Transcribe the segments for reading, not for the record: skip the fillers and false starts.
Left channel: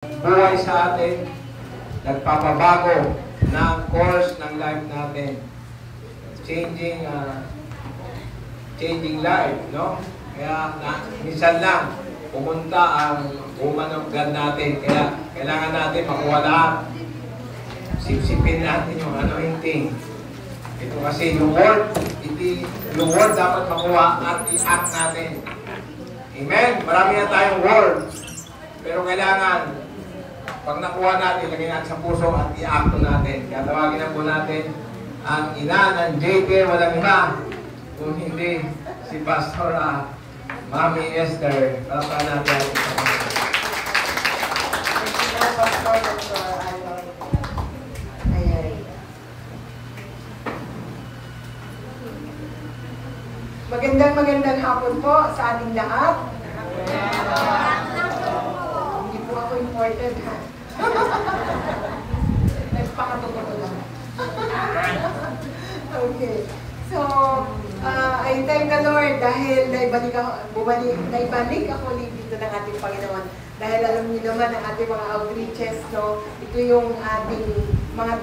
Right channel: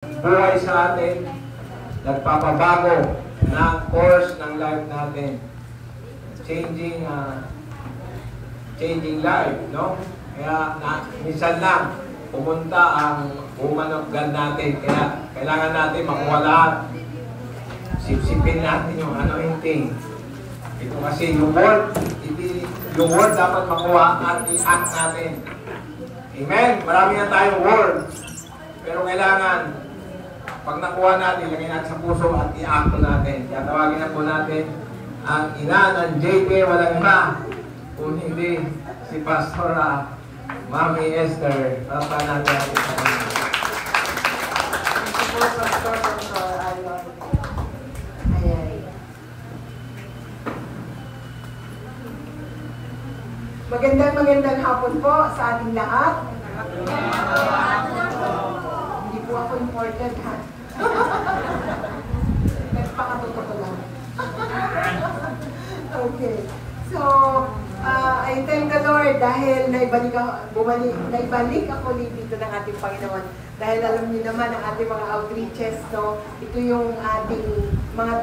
buhay sa atin, nagpapabago ng course ng life natin. Changing life, no? Kaya minsan lang pumunta ang woman of God natin. Kaya kailangan natin makuha lahat. Sipsipin natin yung anointing. Ito kasi yung word dapat makuha at i-act natin. Amen? Marami na tayong word. Pero kailangan, pag nakuha natin, ilagay natin sa puso at i-act natin. Kaya tawagin na po natin ang ina ng JP, walang iba, kung hindi si Pastora Mami Esther. Papa natin ang isa. Magandang hapon po sa ating lahat. Hindi po ako important, ha? Nagpakatotoo lang. Okay. So, I thank the Lord dahil naibalik ako ulit dito ng ating Panginoon. Dahil alam niyo naman ang ating mga outreaches, no? Ito yung ating mga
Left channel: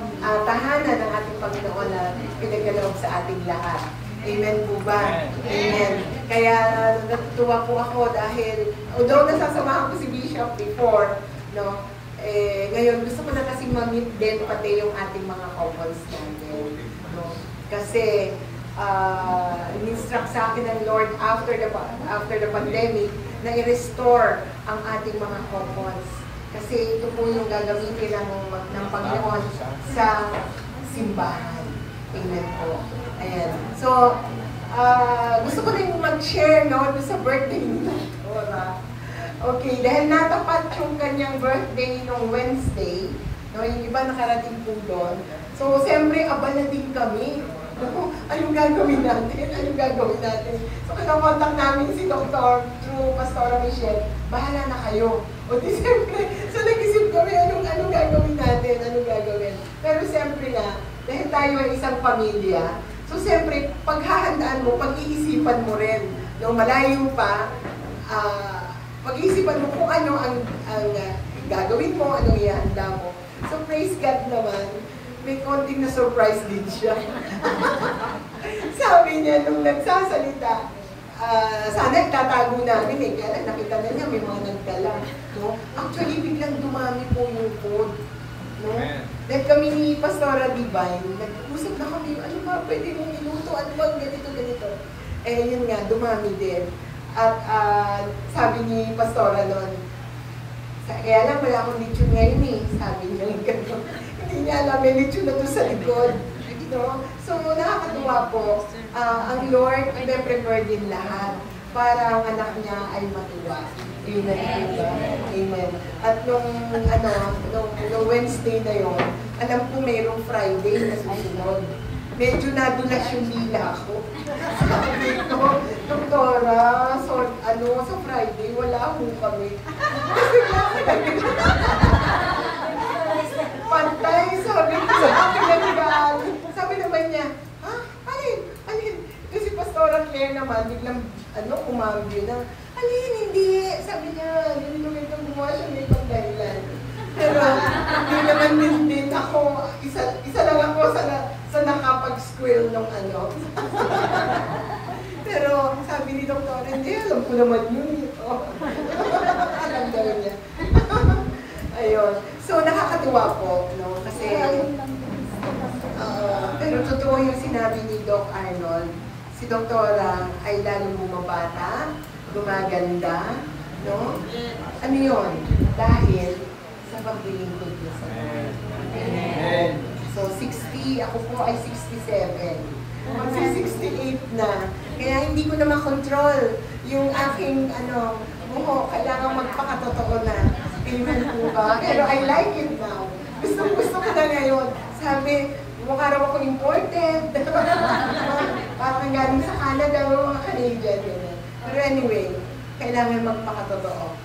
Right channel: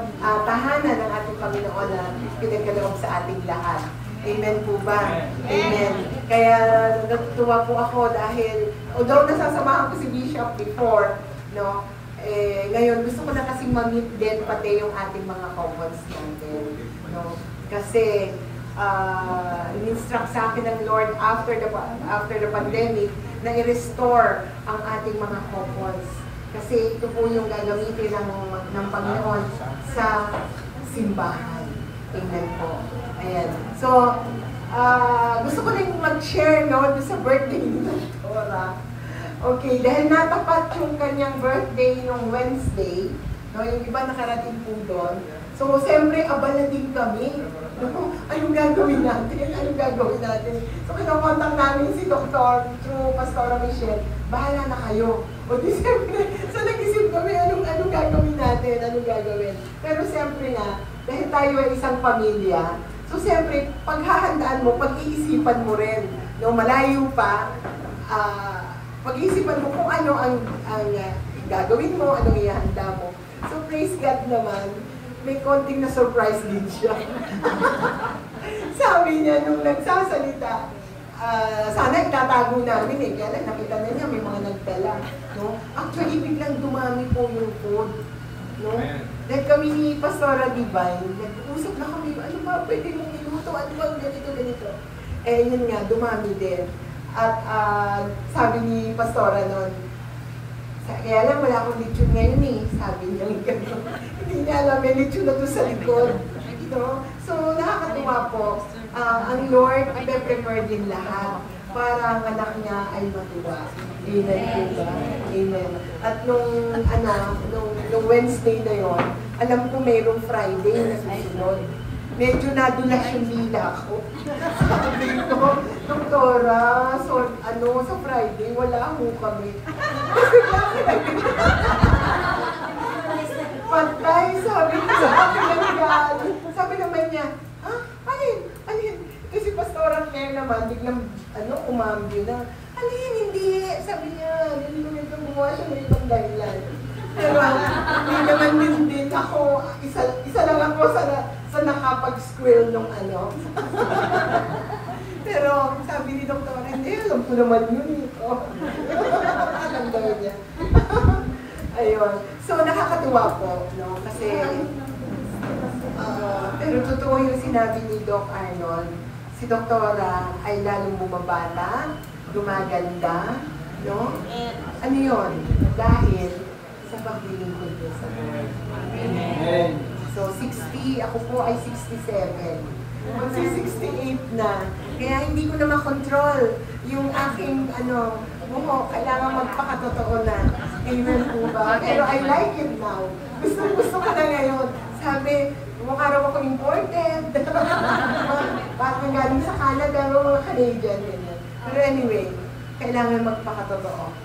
tahanan ng ating Panginoon na pinagkaloob sa ating lahat. Amen po ba? Amen. Kaya natutuwa po ako dahil, although nasasamahan ko si Bishop before, no? Ngayon gusto ko na kasing mag-meet din pati yung ating mga couples natin, no? Kasi in-instruct sa akin ng Lord after the pandemic na i-restore ang ating mga couples. Kasi ito po yung gagamitin ng Panginoon sa simbahan. Amen po. Ayan. So, gusto ko rin mag-share, no, sa birthday ni Dora. Okay, dahil natapat yung kanyang birthday nung Wednesday, no, yung iba nakarating po doon. So, siyempre, abala din kami. No? Anong gagawin natin? So, kinakontak namin si Dr. through Pastora Michelle, bahala na kayo. O di siyempre, so nag-isip kami, anong gagawin natin? Pero siyempre na, dahil tayo ay isang pamilya, so siyempre, paghahandaan mo, pag-iisipan mo rin. No, malayo pa, pag-iisipan mo kung ano ang gagawin mo, anong ihanda mo. So praise God naman, may konting na surprise din siya. Sabi niya nung nagsasalita, sana itatago namin eh, kaya lang nakita na niya may mga nagdala. No? Actually, biglang dumami po yung food. No? Dahil kami ni Pastora Divine, nag-usap na kami, ano ba pwede mong iluto, ano ba ganito. Eh yun nga, dumami din. At sabi ni Pastora nun, kaya lang wala akong lechon ngayon eh, sabi niya gano'n. Hindi niya alam, may lechon na doon sa likod. No? So nakakatuwa po, ang Lord i-prepare din lahat para ang anak niya ay matuwa. Amen po ba? Amen. At nung Wednesday na yon, alam ko mayroong Friday na susunod. Medyo nadulas yung lila ko. Sabi ko, Doktora, sa Friday, wala ho kami. Pantay, sabi naman niya, ha? Alin? Ito si Pastora Claire naman, biglang, kumambyo na, alin, hindi. Sabi niya, ganito gumawa siya ng ibang dahilan. Pero, hindi naman din ako, isa lang ako sa nakapag-squirrel nung Pero, sabi ni Doktora, hindi, alam ko naman yun. Alam daw niya. Ayun. So, nakakatuwa po, no? Kasi, pero totoo yung sinabi ni Doc Arnold, si Doktora ay lalong bumabata, gumaganda, no? Ano yun? Dahil sa paglilingkod niya sa Lord. Amen. So, 60, ako po ay 67. Magsi-68 na. Kaya hindi ko na makontrol yung aking, buho. Kailangan magpakatotoo na. Amen po ba? Pero I like it now. Gusto ko na ngayon. Sabi, mukha raw ako imported. Parang galing sa Canada, mga Canadian. Pero anyway, kailangan magpakatotoo.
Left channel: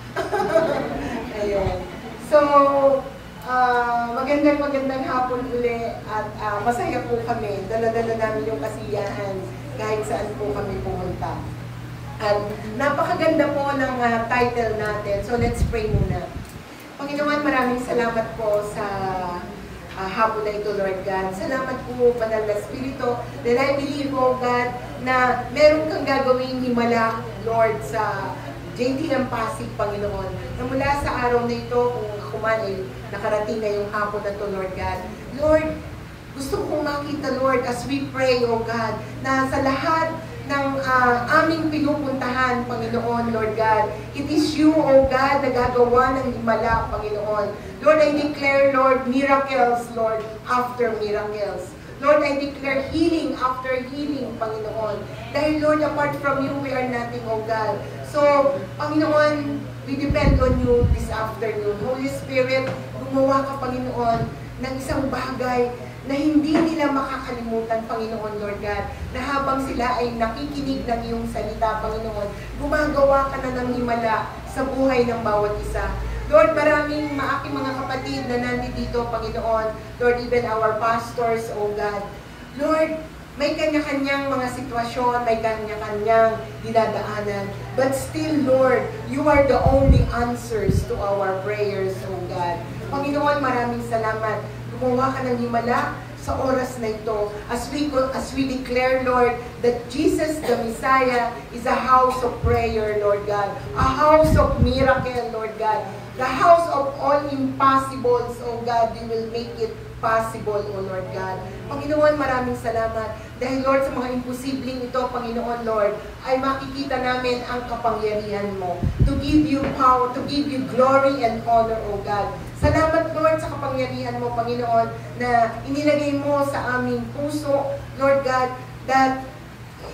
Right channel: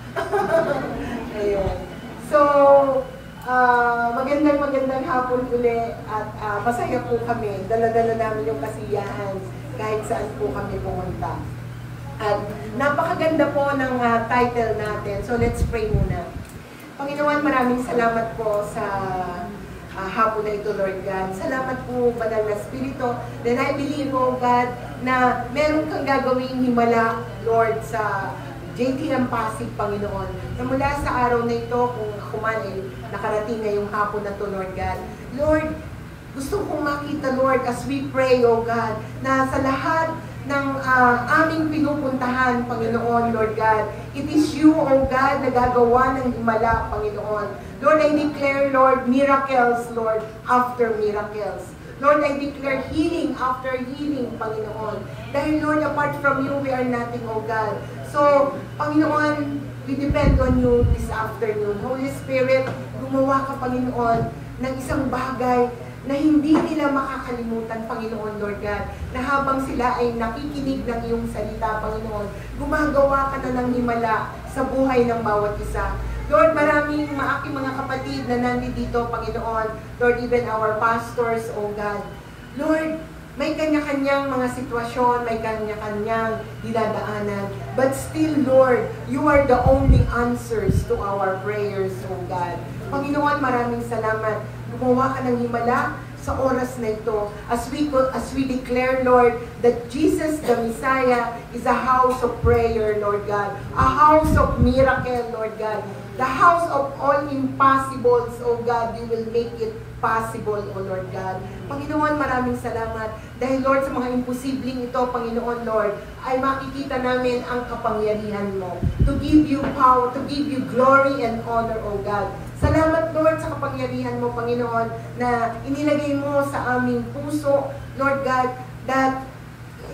Ayun. So, magandang hapon uli at masaya po kami. Dala-dala namin yung kasiyahan kahit saan po kami pumunta. At napakaganda po ng title natin. So, let's pray muna. Panginoon, maraming salamat po sa hapon na ito, Lord God. Salamat po, Banal na Espiritu, that I believe, oh God, na meron kang gagawing himala, Lord, sa JTM Pasig, Panginoon. Na mula sa araw na ito, kung ako man ay nakarating na yung hapon na ito, Lord God. Lord, gusto kong makita, Lord, as we pray, oh God, na sa lahat ng aming pinupuntahan, Panginoon, Lord God, it is you, oh God, na gagawa ng himala, Panginoon. Lord, I declare, Lord, miracles, Lord, after miracles. Lord, I declare healing after healing, Panginoon. Dahil, Lord, apart from you, we are nothing, oh God. So, Panginoon, we depend on you this afternoon. Holy Spirit, gumawa ka, Panginoon, ng isang bagay na hindi nila makakalimutan, Panginoon, Lord God, na habang sila ay nakikinig ng iyong salita, Panginoon, gumagawa ka na ng himala sa buhay ng bawat isa. Lord, maraming aking mga kapatid na nandito, Panginoon, Lord, even our pastors, oh God. Lord, may kanya-kanyang mga sitwasyon, may kanya-kanyang dinadaanan. But still, Lord, you are the only answers to our prayers, oh God. Panginoon, maraming salamat. Gumawa ka ng himala sa oras na ito as we declare, Lord, that Jesus the Messiah is a house of prayer, Lord God, a house of miracle, Lord God, the house of all impossibles, oh God, you will make it possible, oh Lord God. Panginoon, maraming salamat dahil, Lord, sa mga imposibleng ito, Panginoon, Lord, ay makikita namin ang kapangyarihan mo to give you power, to give you glory and honor, oh God. Salamat, Lord, sa kapangyarihan mo, Panginoon, na inilagay mo sa aming puso, Lord God, that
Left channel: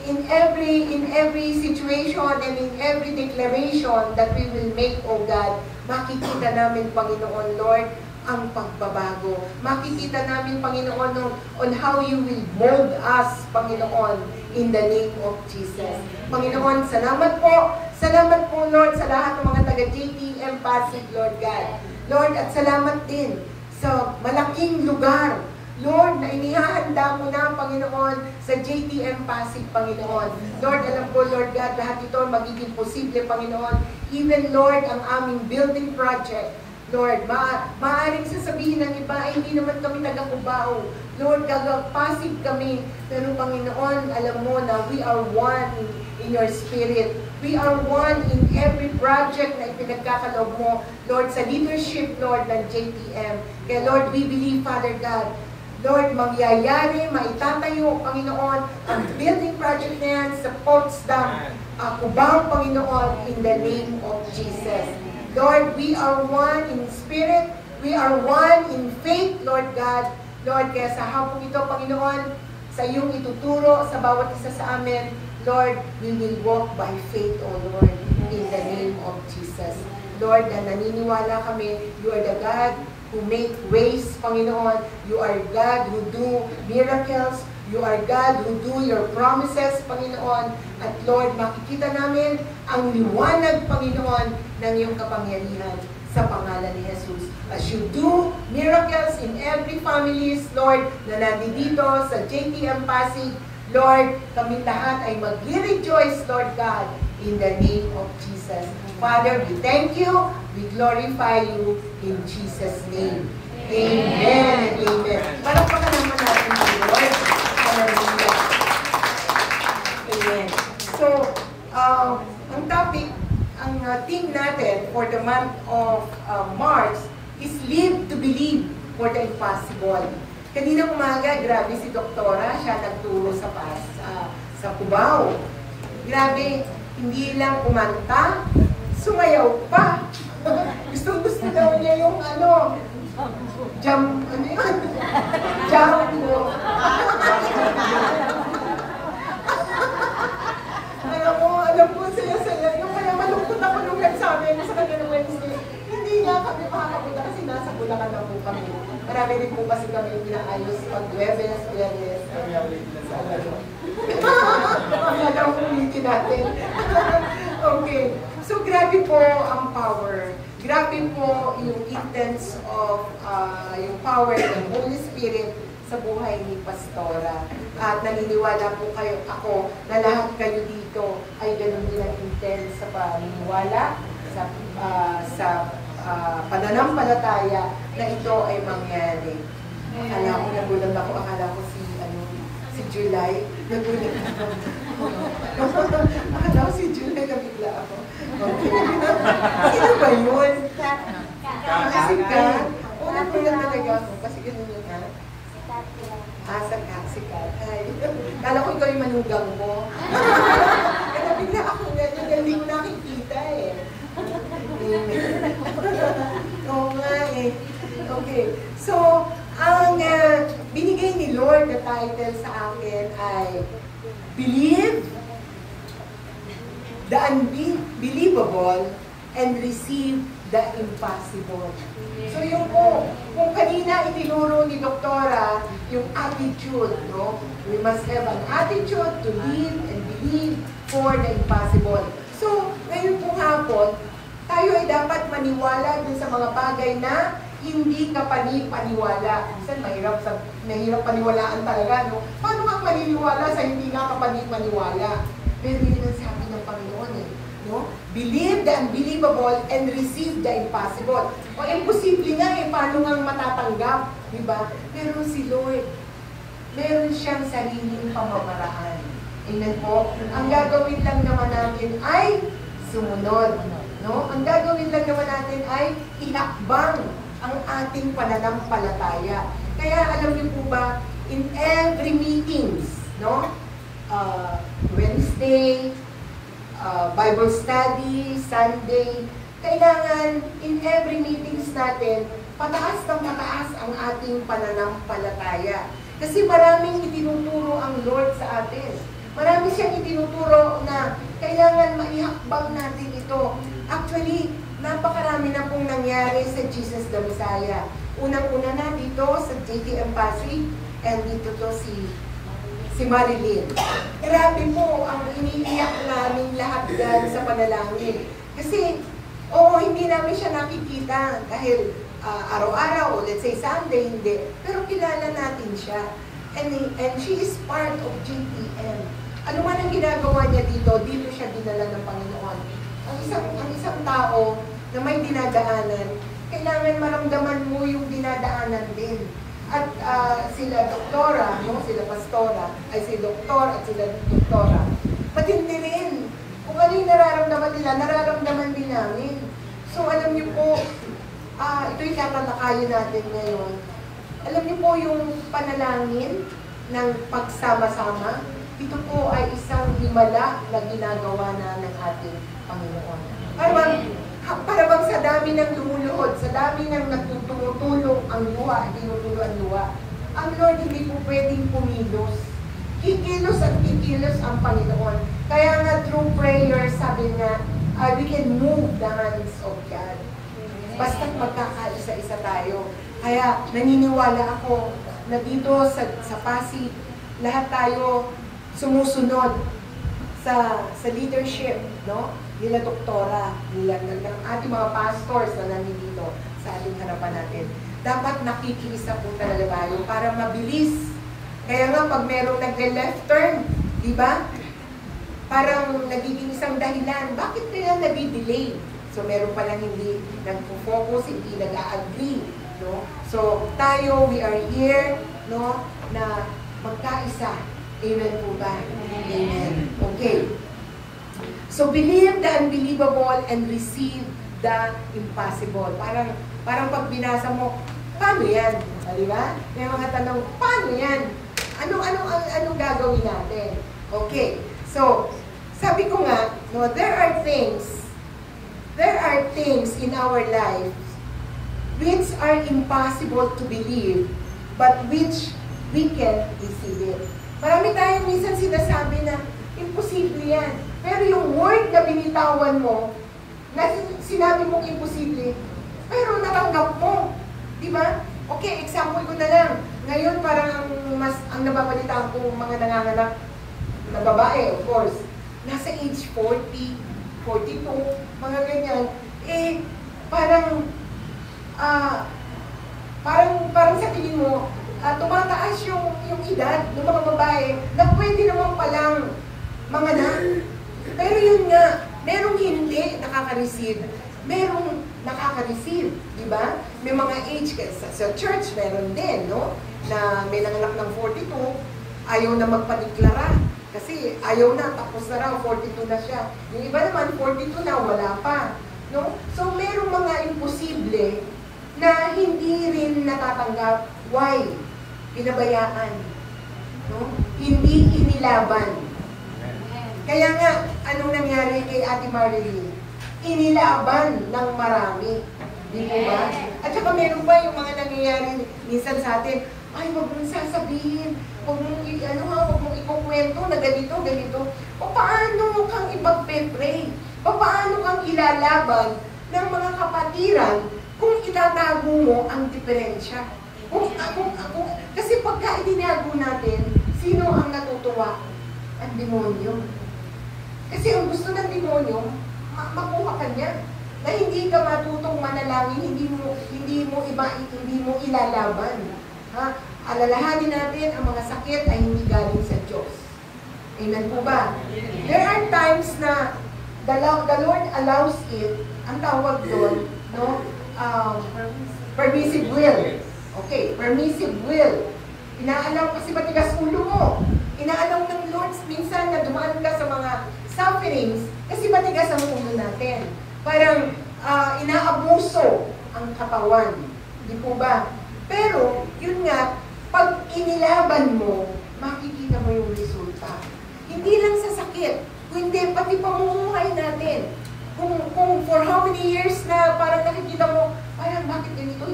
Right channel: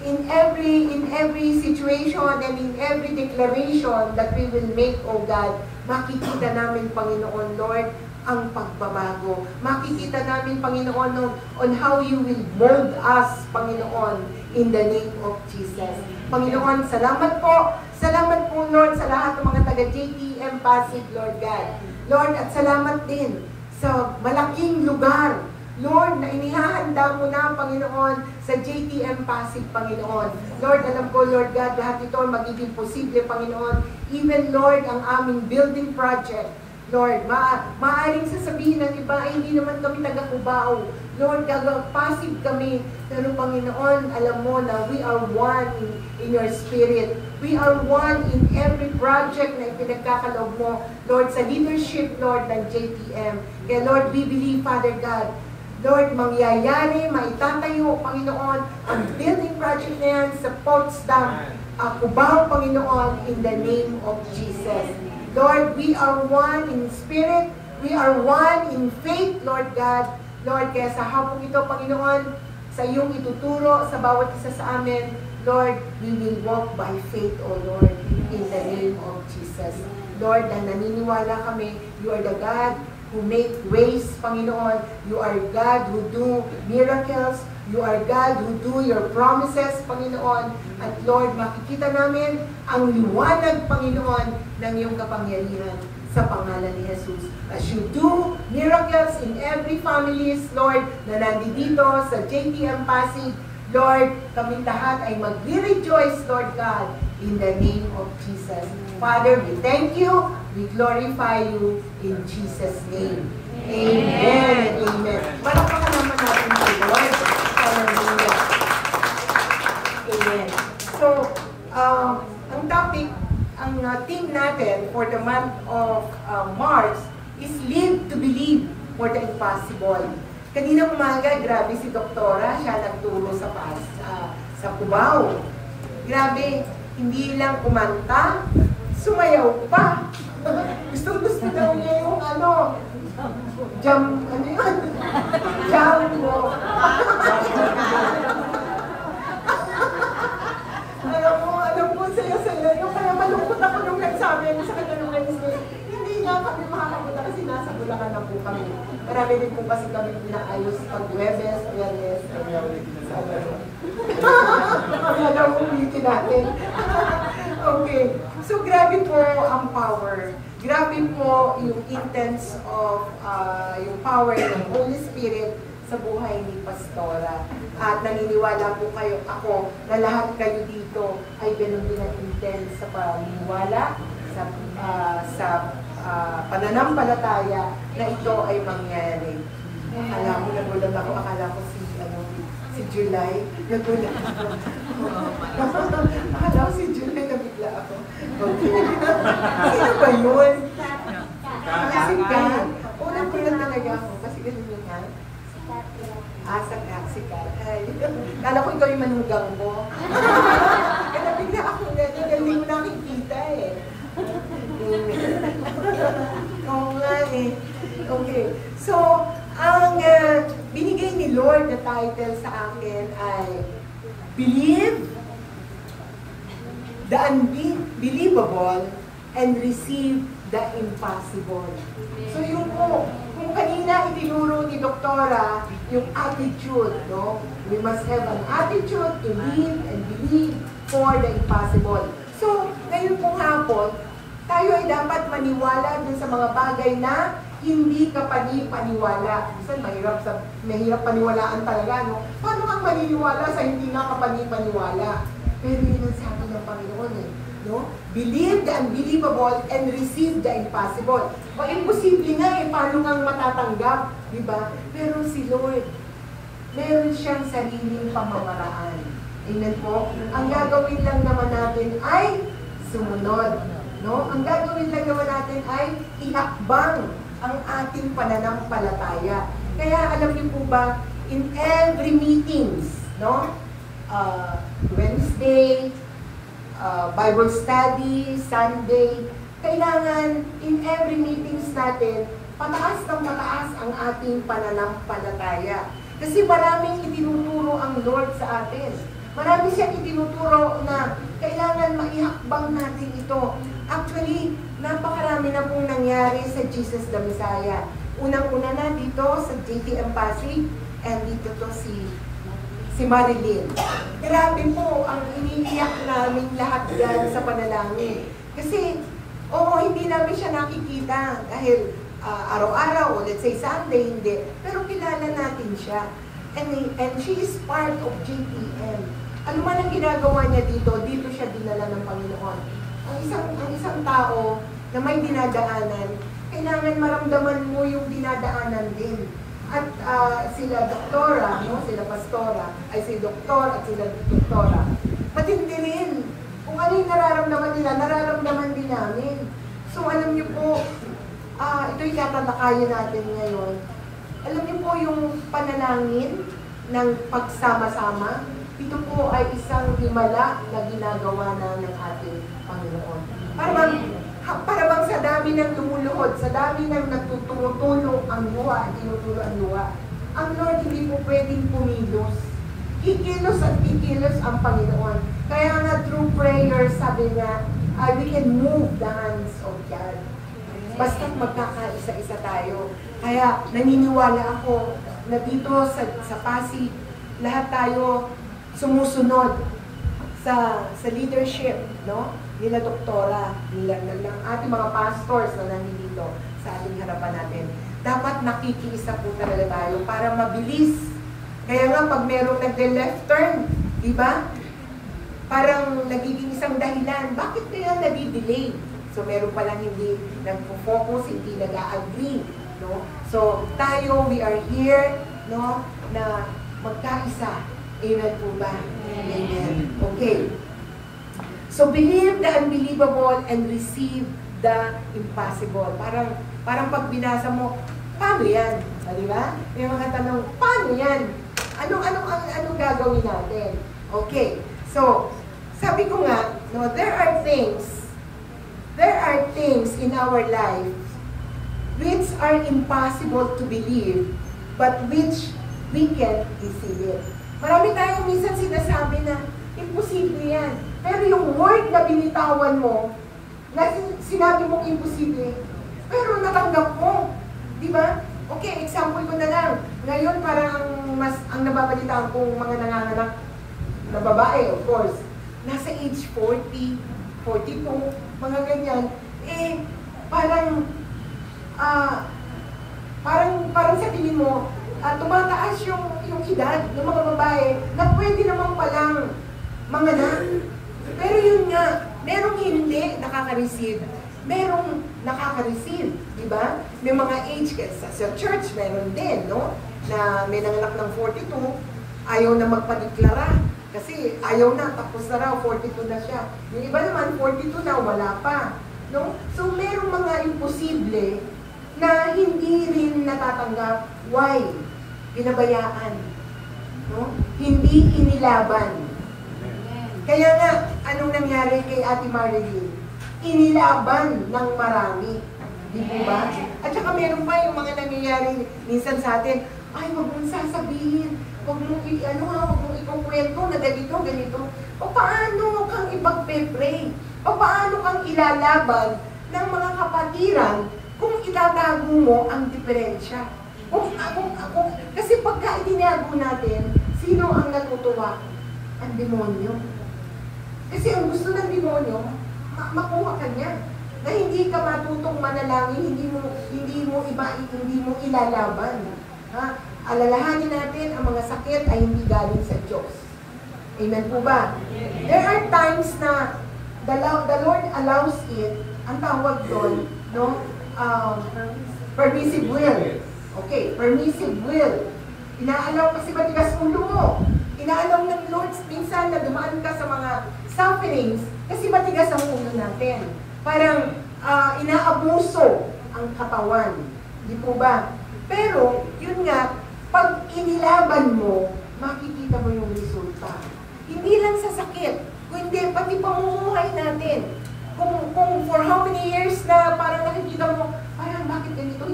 in every situation and in every declaration that we will make, oh God, makikita namin, Panginoon, Lord, ang pagbabago. Makikita namin, Panginoon, on how you will mold us, Panginoon, in the name of Jesus. Panginoon, salamat po. Salamat po, Lord, sa lahat ng mga taga-JTM Pasig, Lord God. Lord, at salamat din sa malaking lugar, Lord, na inihahanda mo na, Panginoon, sa JTM Pasig, Panginoon. Lord, alam ko, Lord God, lahat ito magiging posible, Panginoon. Even, Lord, ang aming building project, Lord, maaaring sasabihin ng iba, ay hindi naman kami taga-Cubao. Lord, Pasig kami. Pero Panginoon, alam mo na we are one in your spirit. We are one in every project na ipinagkakaloob mo, Lord, sa leadership, Lord, ng JTM. Kaya Lord, we believe, Father God, Lord, mangyayari, maitatayo, Panginoon, ang building project na yan sa Potsdam, Cubao, Panginoon, in the name of Jesus. Lord, we are one in spirit, we are one in faith, Lord God. Lord, kaya sa hapong ito, Panginoon, sa iyong ituturo sa bawat isa sa amin, Lord, we will walk by faith, O Lord, in the name of Jesus. Lord, na naniniwala kami, you are the God who make ways, Panginoon. You are God who do miracles. You are God who do your promises, Panginoon. At Lord, makikita namin ang liwanag, Panginoon, ng iyong kapangyarihan sa pangalan ni Jesus. As you do miracles in every families, Lord, na nandito sa JTM Pasig, Lord, kami lahat ay mag-rejoice, Lord God, in the name of Jesus. Father, we thank you, we glorify you in Jesus' name. Amen and amen. Palakpakan naman natin si Lord. Hallelujah. Amen. So, ang topic, ang theme natin for the month of March is Live to Believe for the Impossible. Kanina umaga, grabe si Doktora, siya nagturo sa Cubao. Grabe, hindi lang kumanta, sumayaw pa. Gusto daw niya yung jam, ano yun? Jam mo. alam mo, saya-saya. Yung kaya malungkot ako nung nagsabi sa kanya ng Wednesday. Hindi nga kami makakapunta kasi nasa Bulacan na po kami. Marami din po kasi kami pinaayos pag Webes, Webes, Akala mo ulitin natin. Okay. So, grabe po ang power. Grabe po yung intense of yung power ng Holy Spirit sa buhay ni Pastora. At naniniwala po ako na lahat kayo dito ay ganun din ang intense sa paniniwala, sa pananampalataya na ito ay mangyari. Akala ko, nagulat ako, akala ko si July, nagulat ako. Akala ko si July, nabigla ako. Okay. Sino ba yun? Si Kat? Oo, nagulat talaga ako, kasi ganun yun, ha? Si Kat. Hi. Kala ko ikaw yung manugang mo. Kaya nabigla ako ganyan, dahil hindi ko nakikita eh. Oo nga eh. Okay. So, ang binigay ni Lord na title sa akin ay Believe the Unbelievable and Receive the Impossible. So yung po, kung kanina itinuro ni Doktora yung attitude, no? We must have an attitude to live and believe for the impossible. So, ngayon pong hapon, tayo ay dapat maniwala dun sa mga bagay na hindi ka paniwala. Minsan mahirap paniwalaan talaga, no? Paano ka maniniwala sa hindi nga ka paniwala? Pero yun ang sabi ng Panginoon eh, no? Believe the unbelievable and receive the impossible. O imposible nga eh, paano nga matatanggap? Diba? Pero si Lord, meron siyang sariling pamamaraan. Amen po? Ang gagawin lang naman natin ay sumunod. No? Ang gagawin lang naman natin ay ihakbang ang ating pananampalataya. Kaya alam niyo po ba, in every meetings, no? Wednesday, Bible study, Sunday, kailangan in every meetings natin, pataas ng pataas ang ating pananampalataya. Kasi maraming itinuturo ang Lord sa atin. Marami siyang itinuturo na kailangan maihakbang natin ito. Actually, napakarami na pong nangyari sa Jesus the Messiah. Unang-una na dito sa JTM Pasig, and dito to si Marilyn. Grabe po ang iniiyak namin lahat dyan sa panalangin. Kasi, hindi namin siya nakikita dahil araw-araw, o let's say Sunday, hindi. Pero kilala natin siya. And she is part of JTM. Ano man ang ginagawa niya dito siya dinala ng Panginoon. Ang isang tao na may dinadaanan, kailangan maramdaman mo yung dinadaanan din. At sila doktora, no? Sila pastora, ay si doktor at sila doktora. Matindi rin. Kung ano yung nararamdaman nila, nararamdaman din namin. So alam niyo po, ito'y tatalakayin natin ngayon. Alam niyo po yung panalangin ng pagsama-sama, ito po ay isang himala na ginagawa na ng ating Panginoon. Para bang sa dami ng lumuluhod, sa dami ng nagtutulong ang luha, tinutulong ang luha, ang Lord hindi po pwedeng pumilos. Kikilos at kikilos ang Panginoon. Kaya nga through prayer, sabi nga, we can move the hands of God. Basta't magkakaisa-isa tayo. Kaya naniniwala ako na dito sa Pasig, lahat tayo sumusunod sa leadership, no? Nila doktora, ng ating mga pastors na nandito sa ating harapan natin. Dapat nakikiisa po talaga tayo para mabilis. Kaya nga pag merong nagde-left turn, di ba? Parang nagiging isang dahilan. Bakit kaya nadi-delay? So meron palang hindi nagpo-focus, hindi nag-a-agree, no? So tayo, we are here, no, na magkaisa. Amen po ba? Amen. Okay. So believe the unbelievable and receive the impossible. Parang pag binasa mo, paano yan? Di ba? May mga tanong, paano yan? Anong gagawin natin? Okay. So, sabi ko nga, no, there are things in our lives which are impossible to believe, but which we can receive it. Marami tayong minsan sinasabi na imposible yan. Pero yung word na binitawan mo, na sinabi mong imposible, pero natanggap mo. Di ba? Okay, example ko na lang. Ngayon parang ang nababalitaan kong mga nanganganak na babae, of course, nasa age 40, 42, mga ganyan, parang sa tingin mo, tumataas yung edad ng mga babae na pwede naman palang manganak. Pero yun nga, merong hindi nakaka-receive merong nakaka-receive, di ba? May mga age, sa church meron din, no? Na may nanganak ng 42, ayaw na magpadeklara. Kasi ayaw na, tapos na raw, 42 na siya. Yung iba naman, 42 na, wala pa. No? So, merong mga imposible na hindi rin natatanggap. Why? Pinabayaan. No? Hindi inilaban. Kaya nga, anong nangyari kay Ate Marilyn? Inilaban ng marami. Di po ba? At saka meron pa yung mga nangyayari minsan sa atin, ay, wag mong sasabihin, wag mong ikukwento na ganito. O paano kang ipagpe-pray? O paano kang ilalaban ng mga kapatiran kung itatago mo ang diferensya? Kasi pagka itinago natin, sino ang natutuwa? Ang demonyo. Kasi ang gusto ng demonyo, makuha ka niya. Na hindi ka matutong manalangin, hindi mo ilalaban. Ha? Alalahanin natin ang mga sakit ay hindi galing sa Diyos. Amen po ba? There are times na the Lord allows it, ang tawag doon, no? Permissive will. Okay, permissive will. Inaalaw kasi matigas ulo mo. Inaalaw ng Lord minsan na dumaan ka sa mga sufferings kasi matigas ang ulo natin. Parang inaabuso ang katawan. Di po ba? Pero, yun nga, pag inilaban mo, makikita mo yung resulta. Hindi lang sa sakit, kundi pati pamumuhay natin. Kung for how many years na parang nakikita mo, parang bakit ganito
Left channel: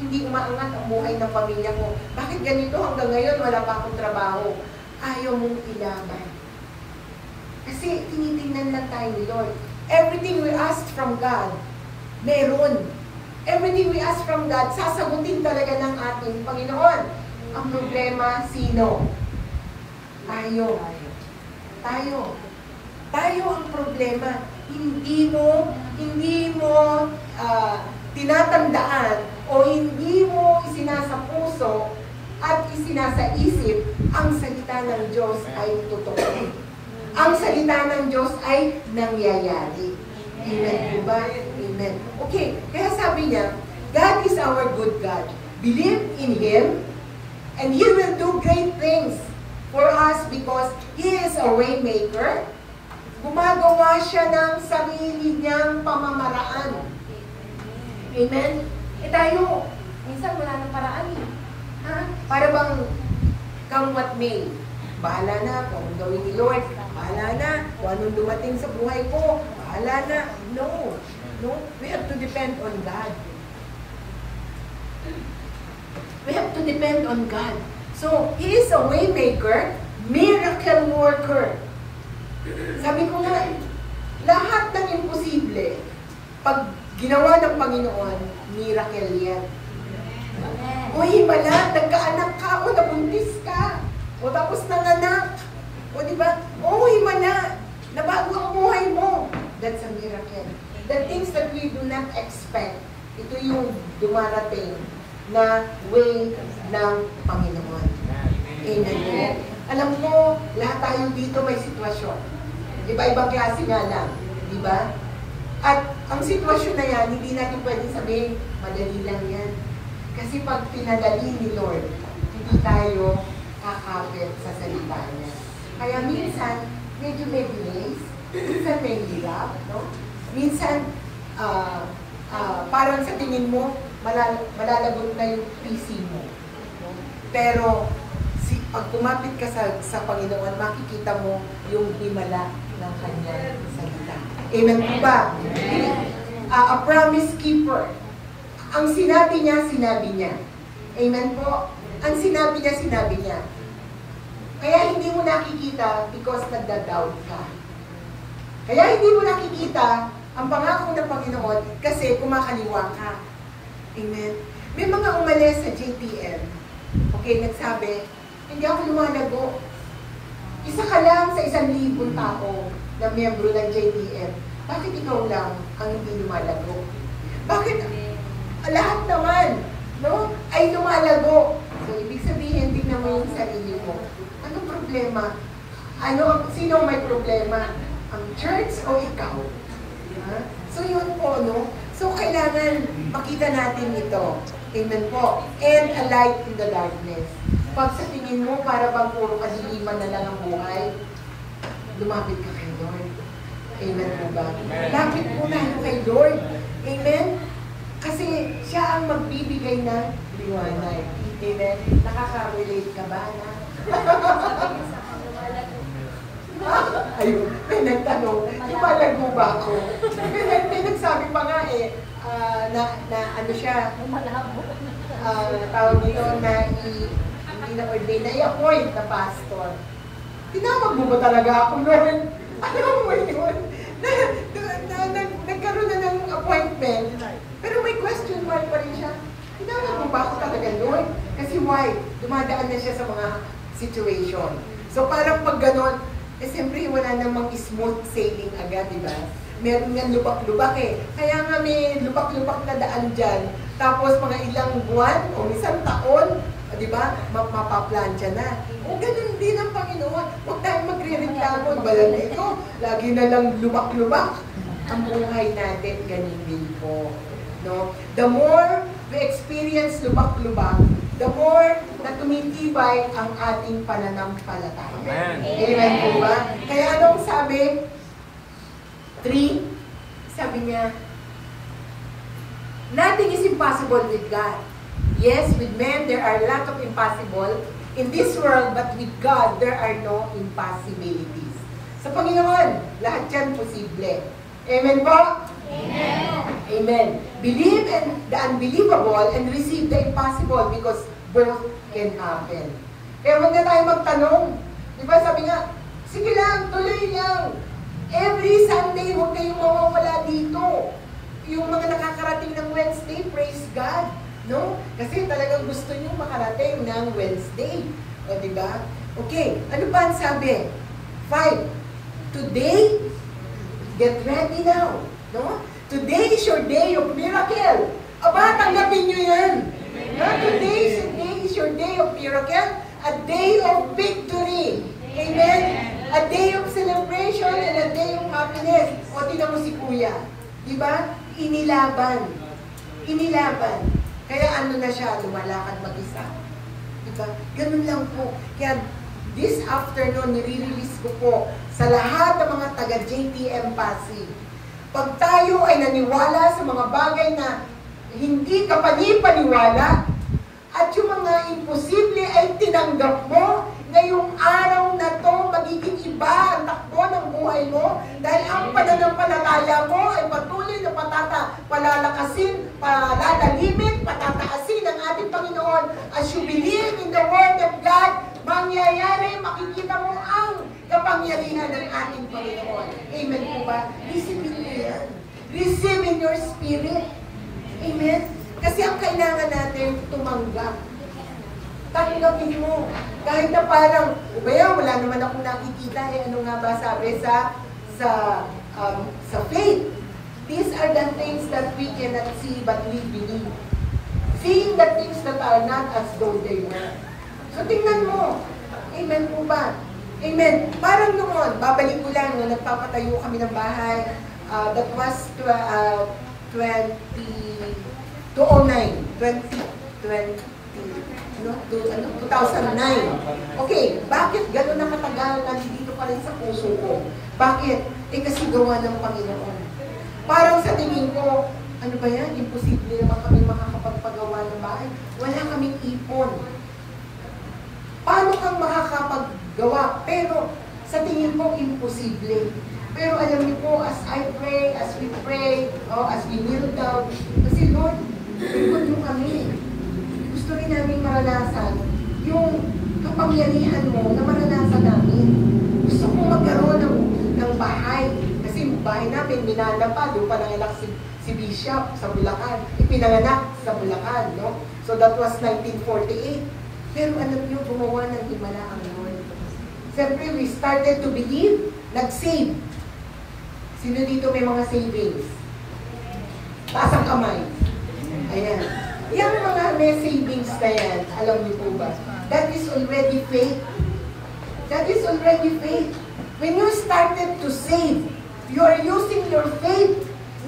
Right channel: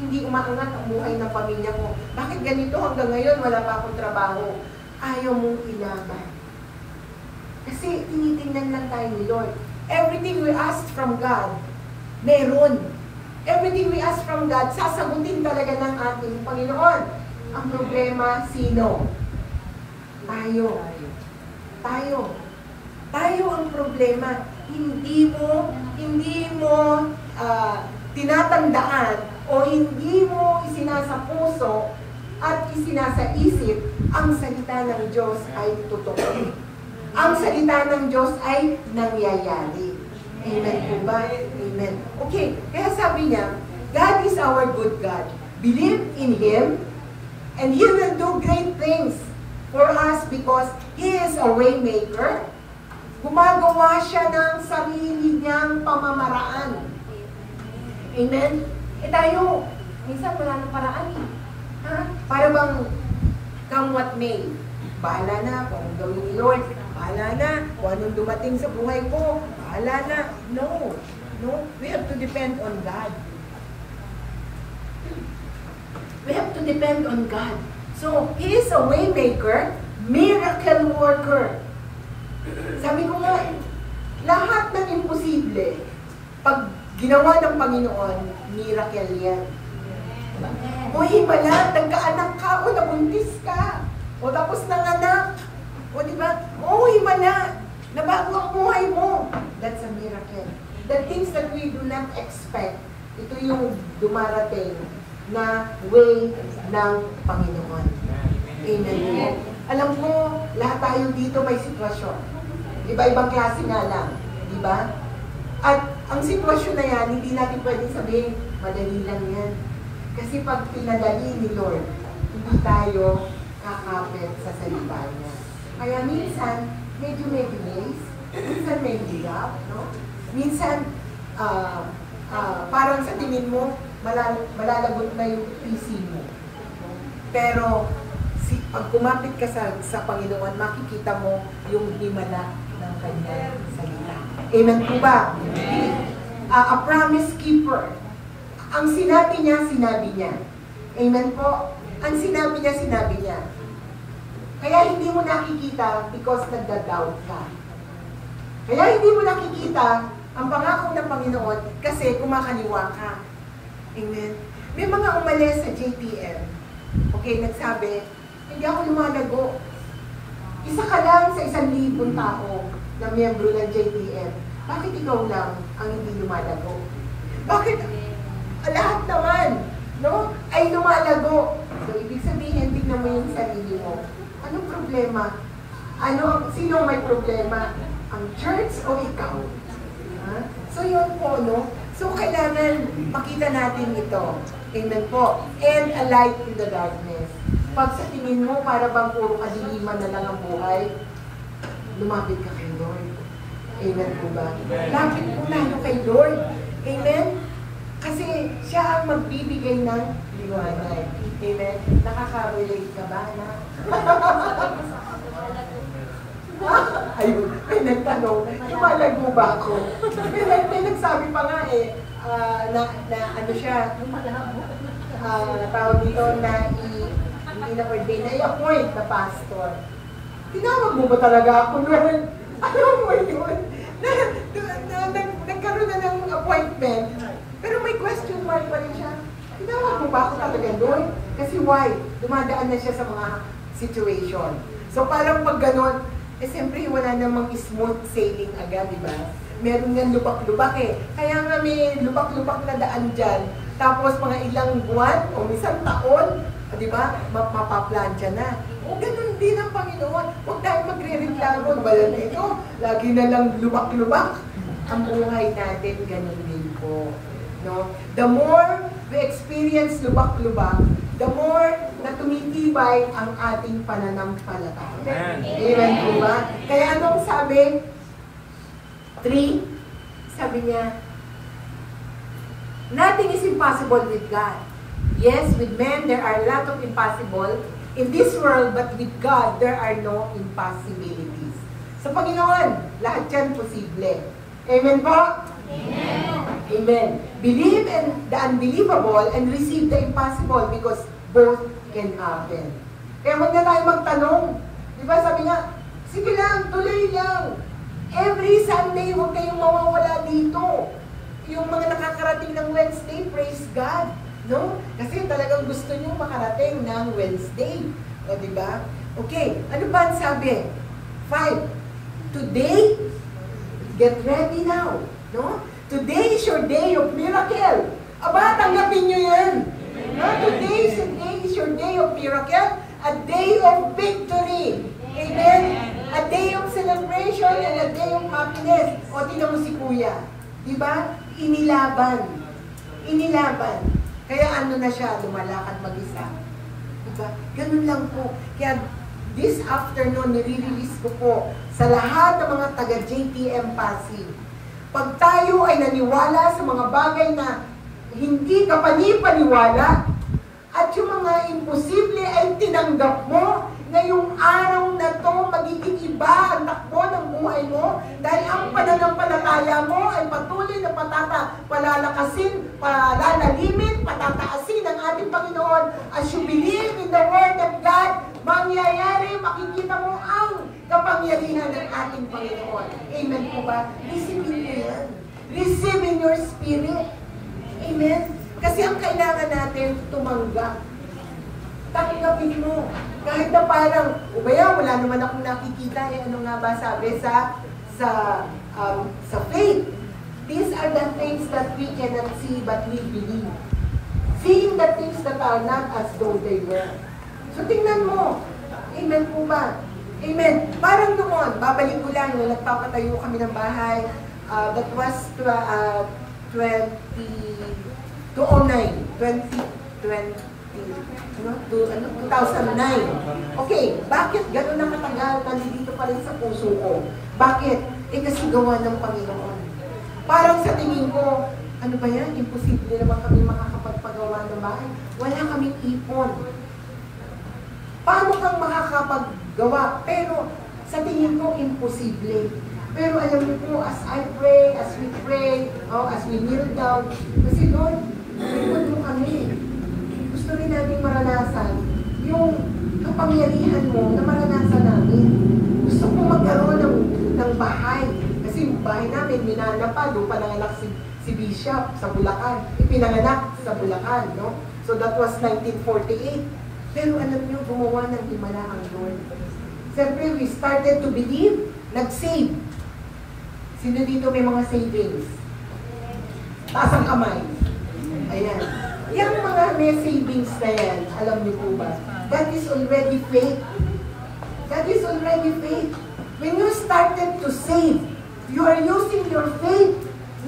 hindi umaangat ang buhay ng pamilya ko? Bakit ganito hanggang ngayon wala pa akong trabaho? Ayaw mong ilaban. Kasi tinitingnan lang tayo ni Lord. Everything we ask from God, meron. Everything we ask from God, sasagutin talaga ng ating Panginoon. Ang problema, sino? Tayo. Tayo ang problema. Hindi mo tinatandaan o hindi mo isinasapuso at isinasaisip ang salita ng Diyos ay totoo. Ang salita ng Diyos ay nangyayari. Amen po ba? Amen. Okay, kaya sabi niya, God is our good God. Believe in Him, and He will do great things for us because He is a way maker. Gumagawa siya ng sarili niyang pamamaraan. Amen? Tayo, minsan wala ng paraan eh. Ha? Para bang come what may. Bahala na kung anong gawin ni Lord. Bahala na kung anong dumating sa buhay ko. Bahala na. No. We have to depend on God. We have to depend on God. So, He is a way maker, miracle worker. Sabi ko nga, lahat ng imposible, pag ginawa ng Panginoon, miracle yan. O himala, nagkaanak ka, o nabuntis ka, o tapos nanganak, o diba? O himala, nabago ang buhay mo. That's a miracle. The things that we do not expect, ito yung dumarating na way ng Panginoon. Amen. Alam mo, lahat tayo dito may sitwasyon. Iba-ibang klase nga lang. Diba? At ang sitwasyon na yan, hindi natin pwedeng sabihin, madali lang yan. Kasi pag pinadali ni Lord, hindi tayo kakapit sa salita niya. Kaya minsan, medyo may delays, minsan may hirap, no? Minsan, parang sa tingin mo, malalagot na yung PC mo. Pero, pag kumapit ka sa Panginoon, makikita mo yung himala ng kanyang salita. Amen po ba? A promise keeper. Ang sinabi niya, sinabi niya. Amen po? Ang sinabi niya. Kaya hindi mo nakikita because nagda-doubt ka. Kaya hindi mo nakikita ang pangako ng Panginoon kasi kumakaliwa ka. Amen? May mga umalis sa JTM. Okay, nagsabi, hindi ako lumalago. Isa ka lang sa 1,000 tao na miyembro ng JTM. Bakit ikaw lang ang hindi lumalago? Bakit lahat naman, no, ay lumalago? So, ibig sabihin, tignan mo yung sarili mo. Anong problema? Sino may problema? Ang church o ikaw? Ha? So yun po, no? So kailangan makita natin ito. Amen po. And a light in the darkness. Pag sa tingin mo, para bang puro kadiliman na lang ang buhay, lumapit ka kay Lord. Amen po ba? Lapit po tayo kay Lord. Amen? Kasi siya ang magbibigay ng liwanag. Amen? Nakaka-relate ka ba na? Ayun, may nagtanong, lumalago ba ako? May nagsabi pa nga na ano siya, tawag dito na hindi na-ordain, na i-appoint na pastor. Tinawag mo ba talaga ako noon? Alam mo yun? Nagkaroon na ng appointment, pero may question mark pa rin siya. Tinawag mo ba ako talaga noon? Kasi why? Dumadaan na siya sa mga situation. So parang pag ganon, siyempre wala namang smooth sailing agad, di ba? Meron nga lubak-lubak eh. Kaya nga may lubak-lubak na daan dyan. Tapos mga ilang buwan o isang taon, di ba? Mapaplansya na. O ganun din ang Panginoon. Huwag tayo magre-reklamo. Bala na ito. Lagi na lang lubak-lubak. Ang buhay natin, ganun din po. No? The more we experience lubak-lubak, the more na tumitibay ang ating pananampalataya. Amen. Amen po ba? Kaya anong sabi? 3, sabi niya, nothing is impossible with God. Yes, with men there are a lot of impossible in this world, but with God there are no impossibilities. Sa Panginoon, lahat yan posible. Amen po? Amen. Amen. Believe in the unbelievable and receive the impossible because both can happen. Kaya huwag na tayo magtanong. Di ba sabi nga, sige lang, tuloy lang. Every Sunday, huwag kayong mawawala dito. Yung mga nakakarating ng Wednesday, praise God. No? Kasi talagang gusto nyo makarating ng Wednesday. O, di ba? Okay, ano ba ang sabi? 5. Today, get ready now. No? Today is your day of miracle. Aba, tanggapin nyo yan. No? Today is your day of miracle. A day of victory. Amen? A day of celebration and a day of happiness. O, tingnan mo si Kuya. Diba? Inilaban. Inilaban. Kaya ano na siya, lumalakad mag-isa. Diba? Ganun lang po. Kaya this afternoon, nire-release ko po sa lahat ng mga taga-JTM Pasig. Pag tayo ay naniwala sa mga bagay na hindi ka panipaniwala, at yung mga imposible ay tinanggap mo, ngayong araw na to, magiging iba ang takbo ng buhay mo dahil ang pananampalataya mo ay patuloy na palalakasin, palalalimin, patataasin ng ating Panginoon. As you believe in the Word of God, mangyayari, makikita mo ang kapangyarihan ng ating Panginoon. Amen po ba? Receive in yan. Receive in your spirit. Amen? Kasi ang kailangan natin tumanggap. Tanggapin mo. Kahit na parang, wala naman akong nakikita, ano nga ba sabi sa faith. These are the things that we cannot see but we believe. Seeing the things that are not as though they were. So tingnan mo. Amen po ba? Amen. Parang noon, babalik ko lang, nung nagpapatayo kami ng bahay, that was 2009. Okay, bakit gano'n na katagal nandito pa rin sa puso ko? Bakit? Kasi gawa ng Panginoon. Parang sa tingin ko, ano ba yan? Imposible naman kami makakapagpagawa ng bahay. Wala kaming ipon. Paano kang makakapaggawa? Pero sa tingin ko, imposible. Pero alam niyo po, as I pray, as we pray, as we kneel down, kasi Lord, likod mo kami. Gusto rin namin maranasan yung kapangyarihan mo na maranasan namin. Gusto ko magkaroon ng bahay. Kasi yung bahay namin, minana pa, doon pa nanganak si Bishop sa Bulacan. Ipinanganak sa Bulacan, no? So that was 1948. Pero alam niyo, gumawa ng himala ang Lord. Siyempre, we started to believe, nag-save. Sino dito may mga savings? Taas ang kamay. Ayan. Yung mga may savings na yan, alam niyo po ba? That is already faith. That is already faith. When you started to save, you are using your faith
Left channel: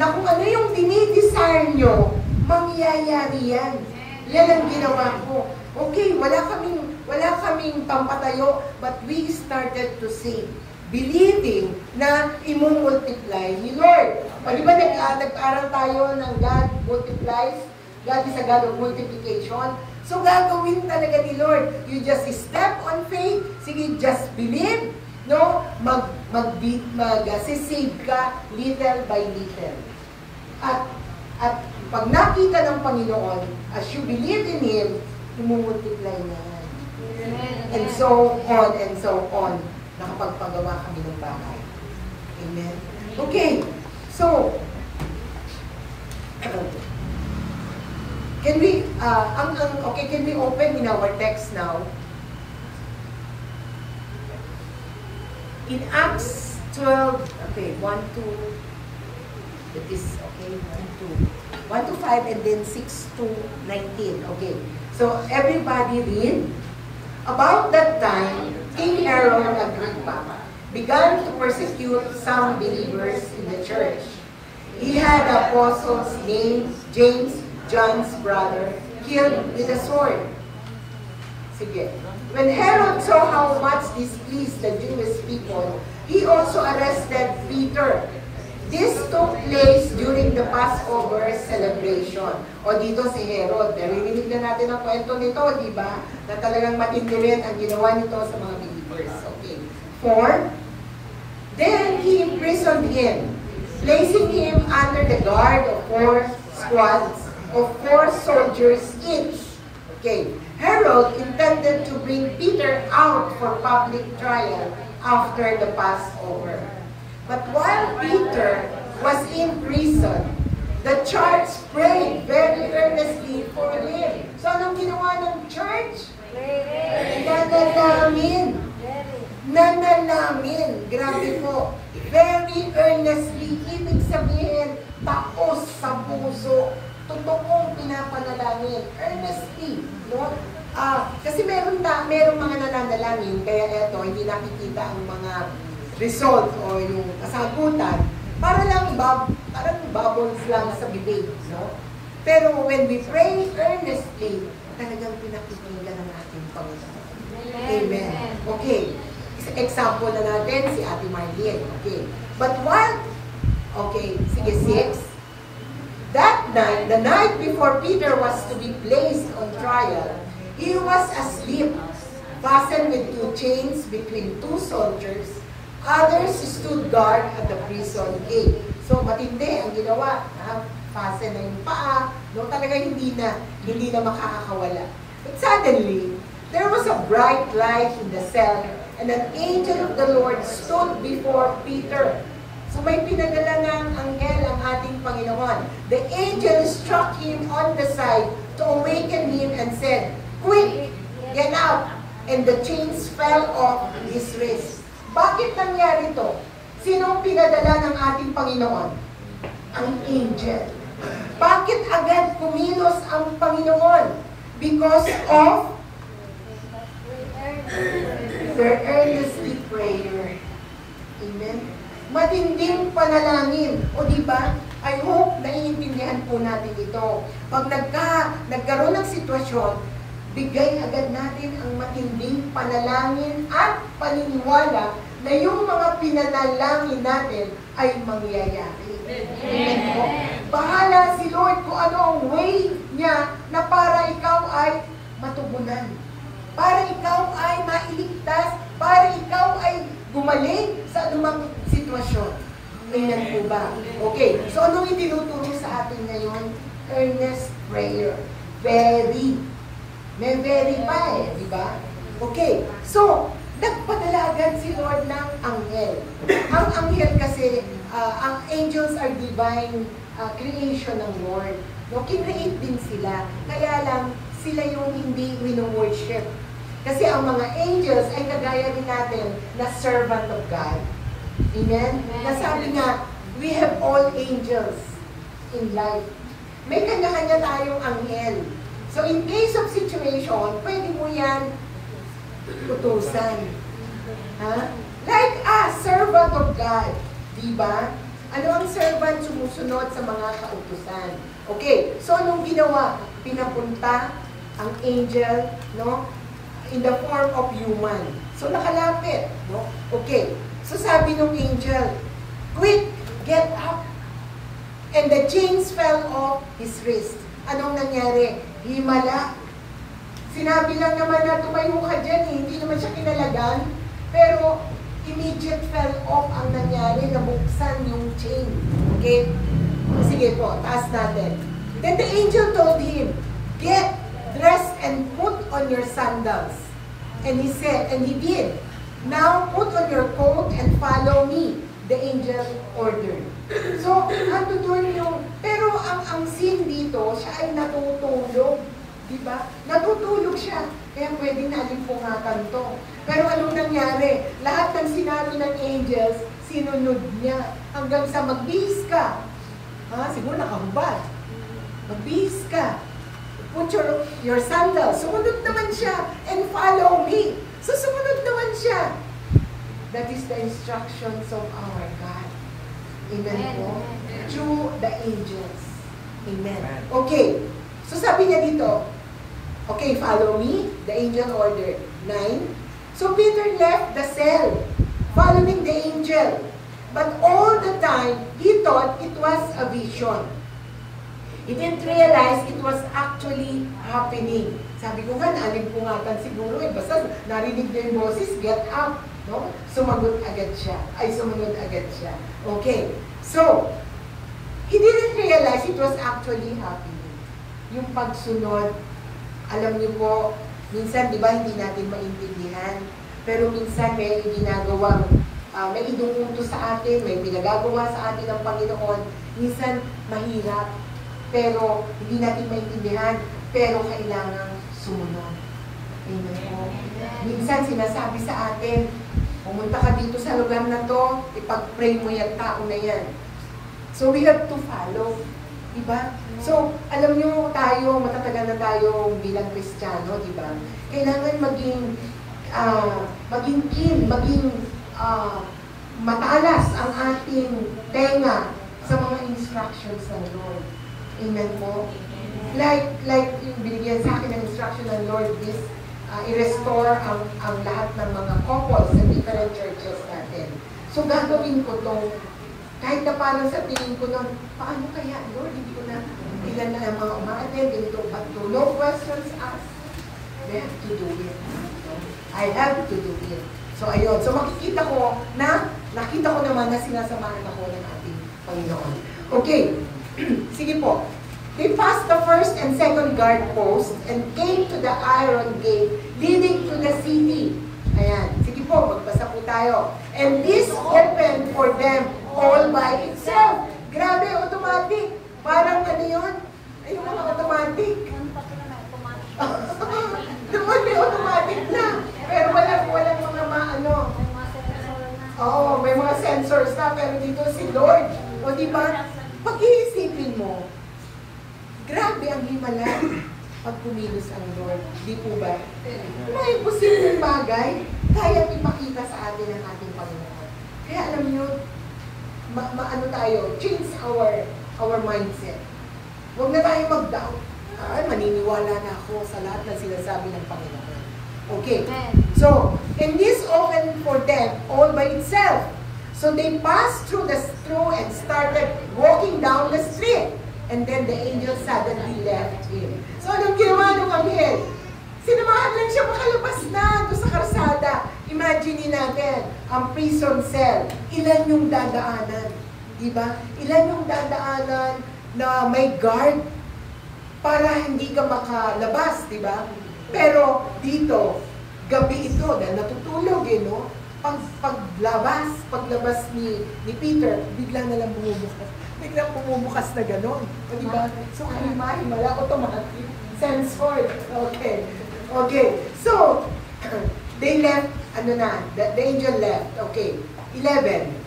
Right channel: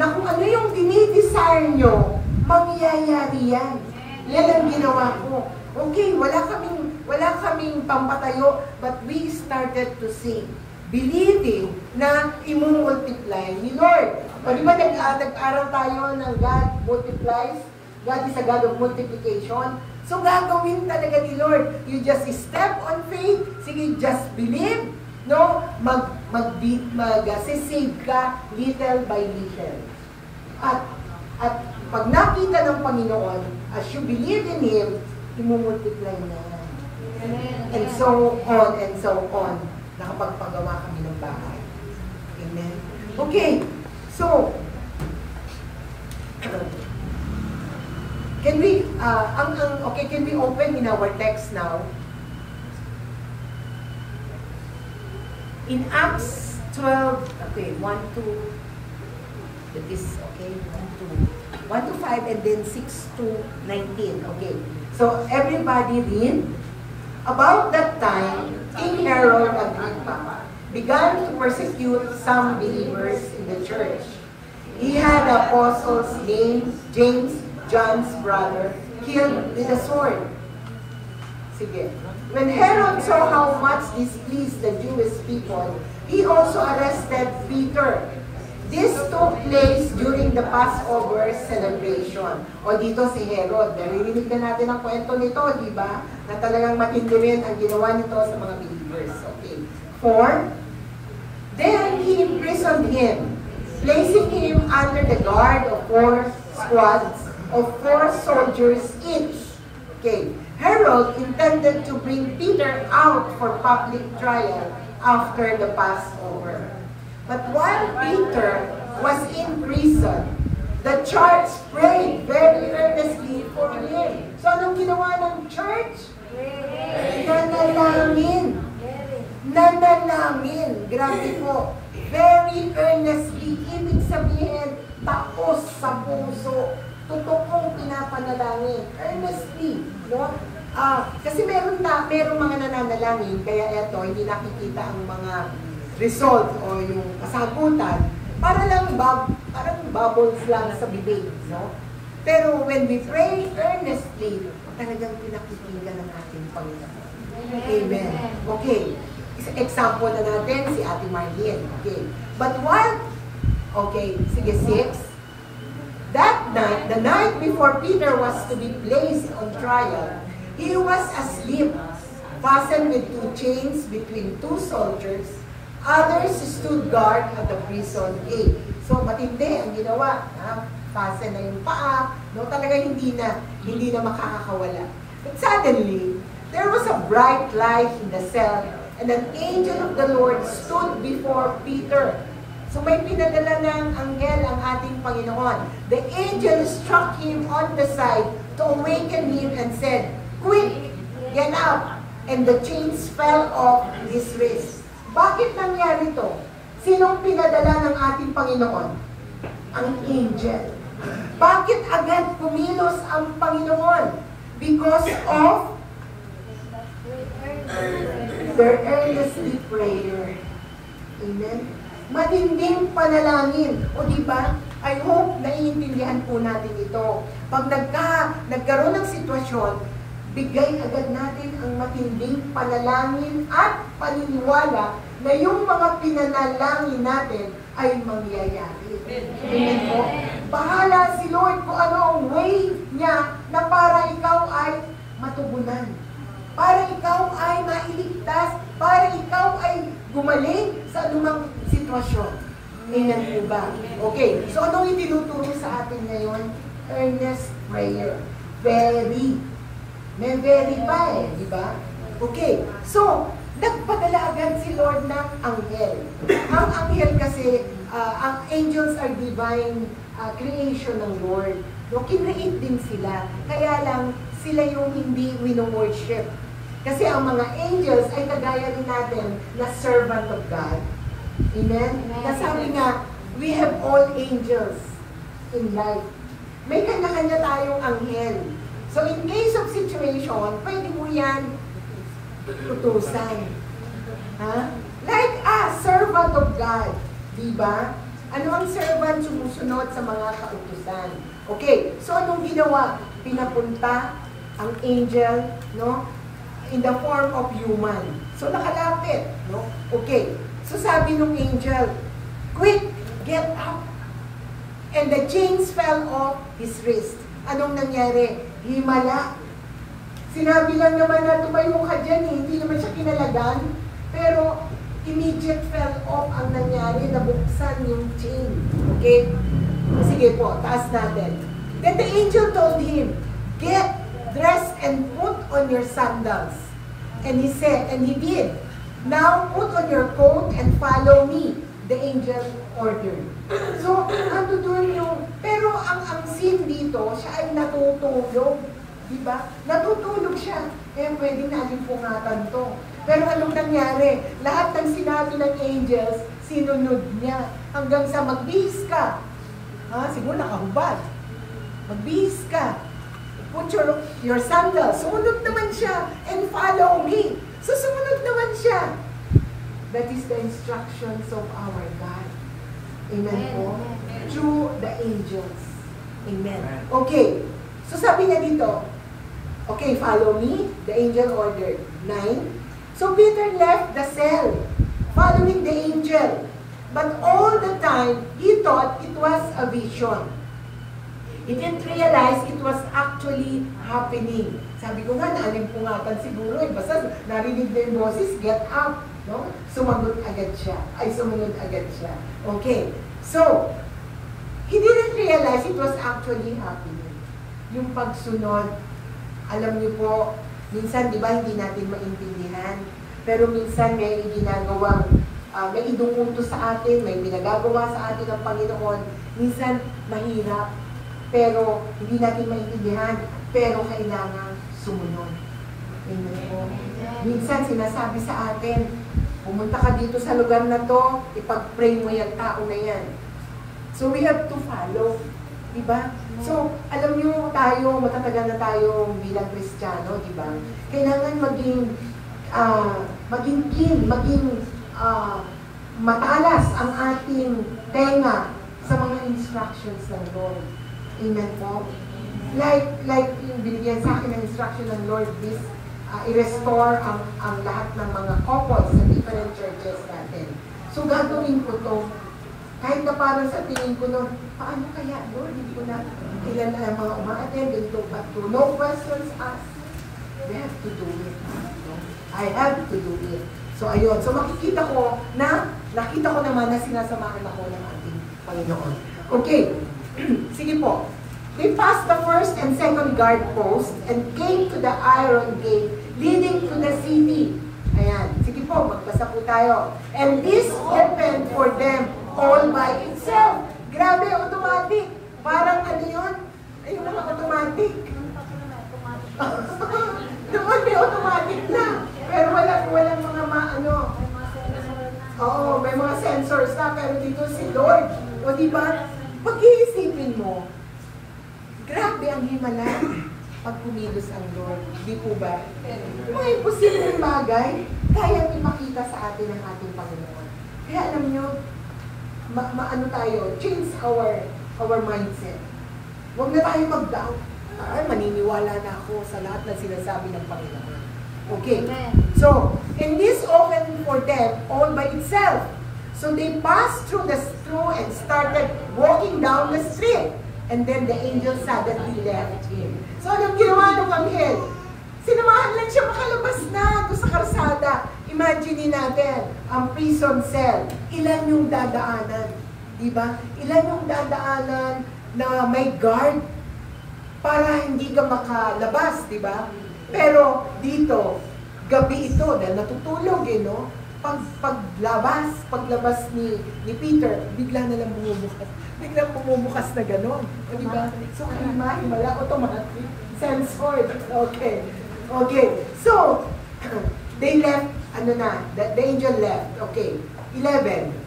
na kung ano yung dinidesire nyo, mangyayari yan. Yan ang ginawa ko. Okay, wala kaming pampatayo, but we started to sing, believing na imumultiply ni Lord. O di ba nag-aral tayo ng God multiplies? God is a God of multiplication. So gagawin talaga ni Lord. You just step on faith. Sige, just believe. No? Mag-save ka little by little. At pag nakita ng Panginoon, as you believe in Him, imumultiply na yan. And so on. Nakapagpagawa kami ng bahay. Amen. Okay. So, can we open in our text now? In Acts 12, okay, 1 to 5, and then 6 to 19. Okay. So everybody read. About that time, King Herod Agrippa began to persecute some believers in the church. He had apostles named James, John's brother, killed with a sword. Sige. When Herod saw how much displeased the Jewish people, he also arrested Peter. This took place during the Passover celebration. O dito si Herod, narinig na natin ang kwento nito, di ba? Na talagang matindi rin ang ginawa nito sa mga believers. Okay. 4. Then he imprisoned him, placing him under the guard of 4 squads of 4 soldiers each. Okay. Herod intended to bring Peter out for public trial after the Passover. But while Peter was in prison, the church prayed very earnestly for him. So anong ginawa ng church? Nanalangin. Nanalangin. Grabe po. Very earnestly. Ibig sabihin, taos sa puso. Totoong pinapanalangin. Earnestly. No? Kasi meron mga nananalangin, kaya eto, hindi nakikita ang mga result o yung kasagutan, parang bubbles lang sa bibig, no? Pero when we pray earnestly, talagang pinakikinggan ng ating Panginoon. Amen. Okay. Example na natin si Ate Marlene. Okay. But sige, 6. That night, the night before Peter was to be placed on trial, he was asleep, fastened with 2 chains between 2 soldiers. Others stood guard at the prison gate. So, matindi ang ginawa. Fasten na yung paa. No? Talaga hindi na makakakawala. But suddenly, there was a bright light in the cell, and an angel of the Lord stood before Peter. So, may pinadala ng anghel ang ating Panginoon. The angel struck him on the side to awaken him and said, "Quick, get out!" And the chains fell off his wrists. Bakit nangyari to? Sinong pinadala ng ating Panginoon? Ang angel. Bakit agad kumilos ang Panginoon? Because of their earnestly prayer. Amen? Matinding panalangin. O diba? I hope naiintindihan po natin ito. Pag nagkaroon ng sitwasyon, bigay agad natin ang matinding panalangin at paniniwala na yung mga pinanalangin natin ay mangyayari. Amen po? Bahala si Lord kung ano ang way niya na para ikaw ay matugunan. Para ikaw ay mailigtas. Para ikaw ay gumaling sa anumang sitwasyon. Amen po ba? Okay. So anong itinuturo sa atin ngayon? Earnest prayer. May verify, di ba? Okay. So, nagpadala agad si Lord ng anghel. Ang anghel kasi, ang angels are divine creation ng Lord. No, kinreate din sila. Kaya lang, sila yung hindi wino-worship. Kasi ang mga angels ay kagaya rin natin na servant of God. Amen? Nasabi nga, we have all angels in life. May kanya-kanya tayong anghel. So, in case of situation, pwede mo yan utusan. Ha? Like a servant of God. Diba? Ano ang servant? Sumusunod sa mga kautusan. Okay, so anong ginawa? Pinapunta ang angel, no? In the form of human. So nakalapit, no? Okay, so sabi ng angel, quick, get up. And the chains fell off his wrist. Anong nangyari? Himala. Sinabi lang naman na tumayo ka dyan, hindi naman siya kinalagan. Pero immediate fell off ang nangyari, nabuksan yung chain. Okay? Sige po, taas natin. Then the angel told him, get dressed and put on your sandals. And he said, and he did. Now put on your coat and follow me. The angel ordered. So, ano doon yung, pero ang scene dito, siya ay natutulog. Diba? Natutulog siya. Kaya pwede natin pungatan to. Pero anong nangyari? Lahat ng sinabi ng angels, sinunod niya. Hanggang sa magbihis ka. Ha? Siguro nakahubad. Magbihis ka. Put your sandals. Sumunod naman siya. And follow me. So sumunod naman siya. That is the instructions of our God. Amen po. Through the angels. Amen. Okay. So sabi niya dito, okay, follow me. The angel ordered. 9. So Peter left the cell, following the angel. But all the time, he thought it was a vision. He didn't realize it was actually happening. Sabi ko nga, naalimpungatan siguro eh. Basta narinig na yung boses, get up. No? Sumagot agad siya. Ay, sumunod agad siya. Okay. So, he didn't realize it was actually happening. Yung pagsunod, alam niyo po, minsan, di ba, hindi natin maintindihan. Pero minsan may ginagawang, may inuunto sa atin, may pinagagawa sa atin ng Panginoon. Minsan, mahirap. Pero, hindi natin maintindihan. Pero, kailangan sumunod. Amen po. Minsan, sinasabi sa atin, pumunta ka dito sa lugar na to, ipag-pray mo yung tao na yan. So, we have to follow. Diba? So, alam niyo tayo, matatagal na tayo bilang Kristiyano, diba? Kailangan maging keen, maging matalas ang ating tenga sa mga instructions ng Lord. Amen po? Like yung binigyan sa akin ng instruction ng Lord, this, i-restore ang lahat ng mga couples sa different churches natin. So, gagawin ko to. Kahit na parang sa tingin ko nun, paano kaya, Lord, hindi ko na ilan na mga umaaten, ganito, but to no questions asked, I have to do it. I have to do it. So, ayun. So, nakita ko naman na sinasamahan ako ng ating Panginoon. Okay. Sige po. They passed the first and second guard post and came to the iron gate leading to the city. Ayan. Sige po, magbasa po tayo. And this happened for them all by itself. Grabe, automatic. Parang ano yun? Ay, yung mga automatic. Doon may automatic na. Pero walang mga Oo, may mga sensors na. Pero dito si Lord. O diba, pag-iisipin mo, grabe ang himala pag kumilos ang Lord. Di po ba? Yung mga imposibleng bagay, kaya ipakita sa atin ng ating Panginoon. Kaya alam nyo, ano tayo, change our mindset. Huwag na tayo mag-doubt. Maniniwala na ako sa lahat na sinasabi ng Panginoon. Okay. So, and this opened for them all by itself. So they passed through and started walking down the street. And then the angel suddenly left him. So, anong ginawa ng anghel? Sinamahan lang siya makalabas na doon sa karsada. Imagine natin, ang prison cell, ilan yung dadaanan? Diba? Ilan yung dadaanan na may guard para hindi ka makalabas, diba? Pero gabi ito, dahil natutulog no? Paglabas ni Peter, bigla na lang bumubukas. Biglang bumubukas na gano'n. O diba? So, himala, automatic. Censored. Okay. So, they left, the angel left. Okay. 11.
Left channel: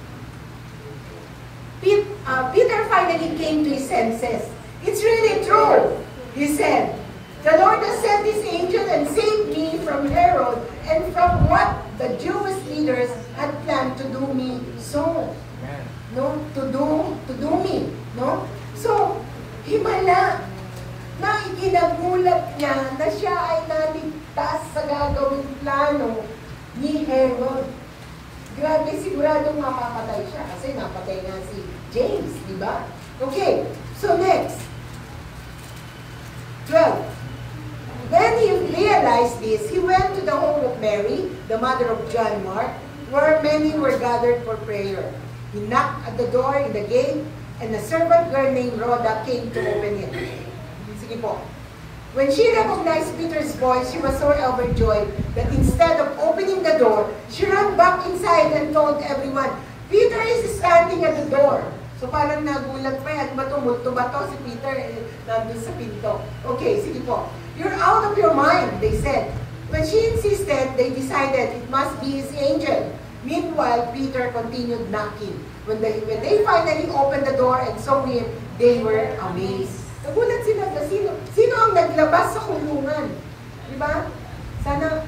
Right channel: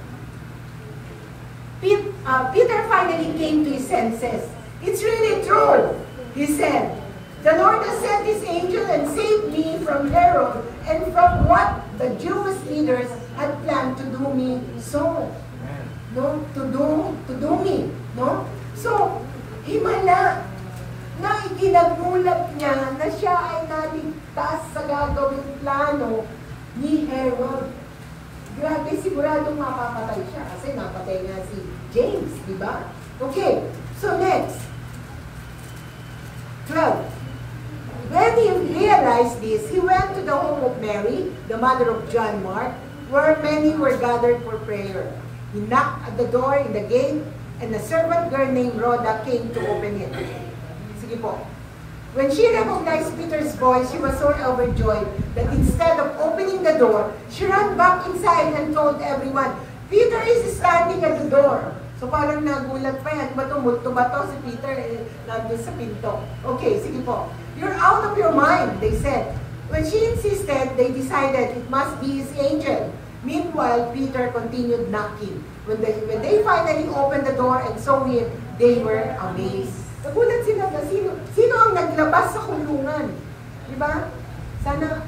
Peter finally came to his senses. It's really true, he said. The Lord has sent this angel and saved me from Herod and from what the Jewish leaders had planned to do me so. No, to do me, no? So, himala na ikinagmulat niya na siya ay naligtas sa gagawing plano ni Herod. Grabe, siguradong mapapatay siya kasi napatay nga si James, di ba? Okay, so next. 12. When he realized this, he went to the home of Mary, the mother of John Mark, where many were gathered for prayer. He knocked at the door in the gate, and a servant girl named Rhoda came to open it. Sige po. When she recognized Peter's voice, she was so overjoyed that instead of opening the door, she ran back inside and told everyone, Peter is standing at the door. So parang nagulat pa yan. Ano ba ito? Multo ba ito? Si Peter nandun sa pinto. Okay, sige po. You're out of your mind, they said. When she insisted, they decided it must be his angel. Meanwhile, Peter continued knocking. When they finally opened the door and saw him, they were amazed. Nagulat sila na sino ang naglabas sa kulungan? Di ba? Sana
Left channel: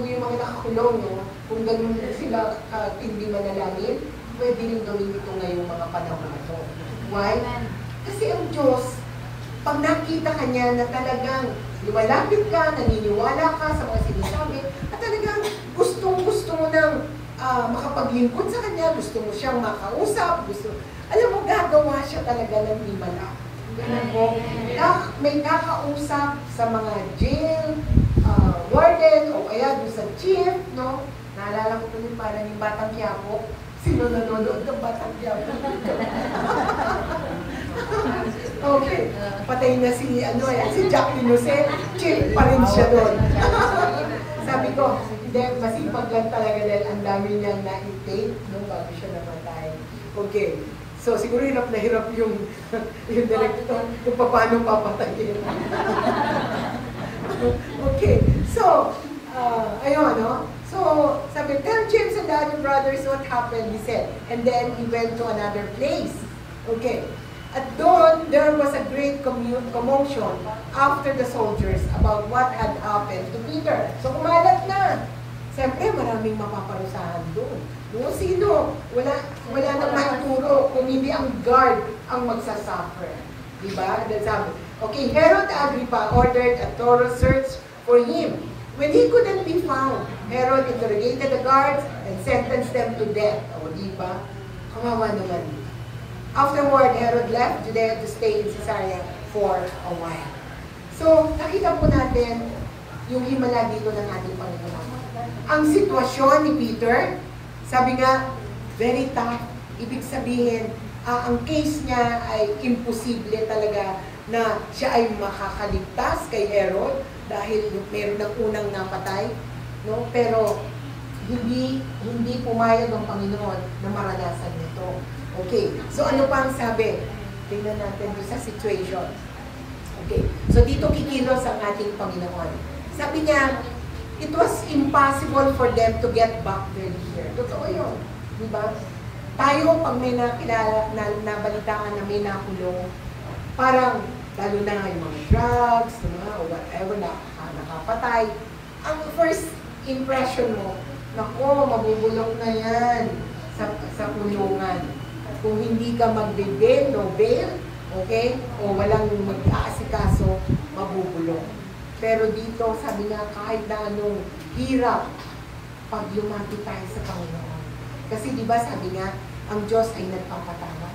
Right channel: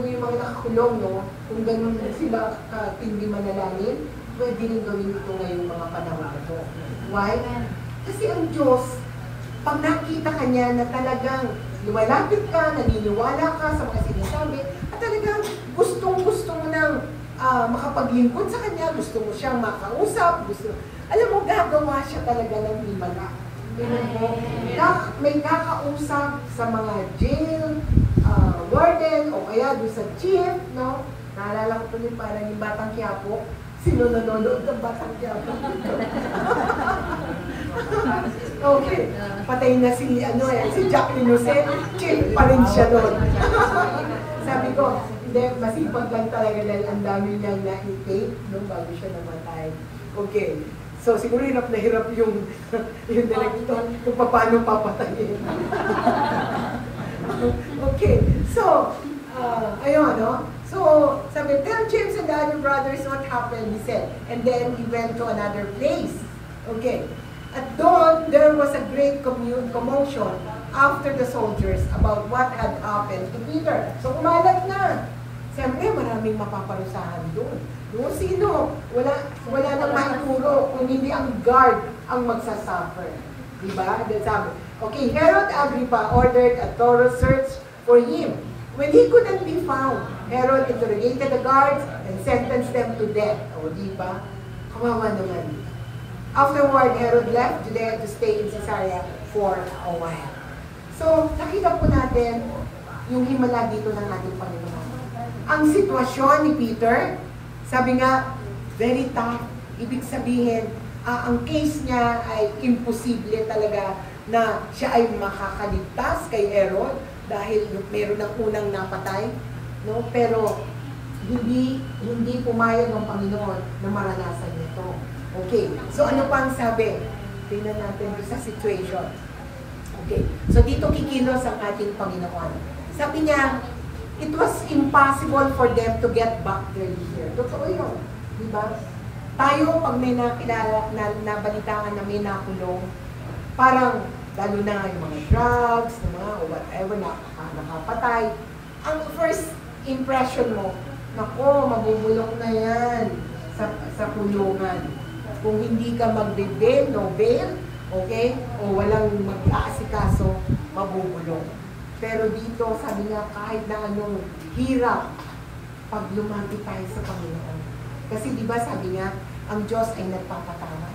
yung mga nakakulong, no? Kung ganun sila hindi manalangin, pwede rin gawin ito ngayong mga panahon na ito. Why? Kasi ang Diyos, pag nakita ka niya na talagang lumalapit ka, naniniwala ka sa mga sinasabi, at talagang gustong-gusto mo nang makapaglingkod sa kanya, gusto mo siyang makausap, alam mo, gagawa siya talaga ng himala. Tingnan mo, may kakausap sa mga jail, warden, o kaya doon sa chief, no? Naalala ko tuloy parang yung Batang Quiapo. Sino nanonood ng Batang Quiapo? Okay, patay na si Jack Innocent, chief pa rin siya doon. Sabi ko, hindi, masipag lang talaga dahil ang dami niyang na-intake nung bago siya namatay. Okay. So, siguro hirap na hirap yung director kung paano papatayin. Okay. So, ayun, no? So, sabi, tell James and the other brothers what happened, he said. And then, he went to another place. Okay. At doon, there was a great commotion after the soldiers about what had happened to Peter. So, kumalat na. Siyempre, maraming mapaparusahan doon. Doon sino? Wala nang maituro kung hindi ang guard ang magsasuffer. Diba? Sabi, okay, Herod Agrippa ordered a thorough search for him. When he couldn't be found, Herod interrogated the guards and sentenced them to death. O, diba? Kawawa naman. Afterward, Herod left Judea to stay in Caesarea for a while. So, nakita po natin yung himala dito ng ating Panginoon. Ang sitwasyon ni Peter, sabi nga, very tough. Ibig sabihin, ang case niya ay imposible talaga na siya ay makakaligtas kay Herod dahil meron ng unang napatay. No? Pero hindi pumayag ng Panginoon na maranasan nito. Okay, so ano pa ang sabi? Tingnan natin sa situation. Okay, so dito kikilos ang ating Panginoon. Sabi niya, it was impossible for them to get back their year. Totoo yun. Diba? Tayo, pag may nabalitaan na may nakulong, parang, lalo na yung mga drugs, o whatever, nakapatay, ang first impression mo, nako, mabubulok na yan sa kulungan. Kung hindi ka magbe-bail, no bail, okay? O walang mag-aasikaso, mabubulok. Pero dito, sabi nga, kahit na anong hirap, pag lumapit tayo sa Panginoon. Kasi di ba sabi nga, ang Diyos ay nagpapatawad.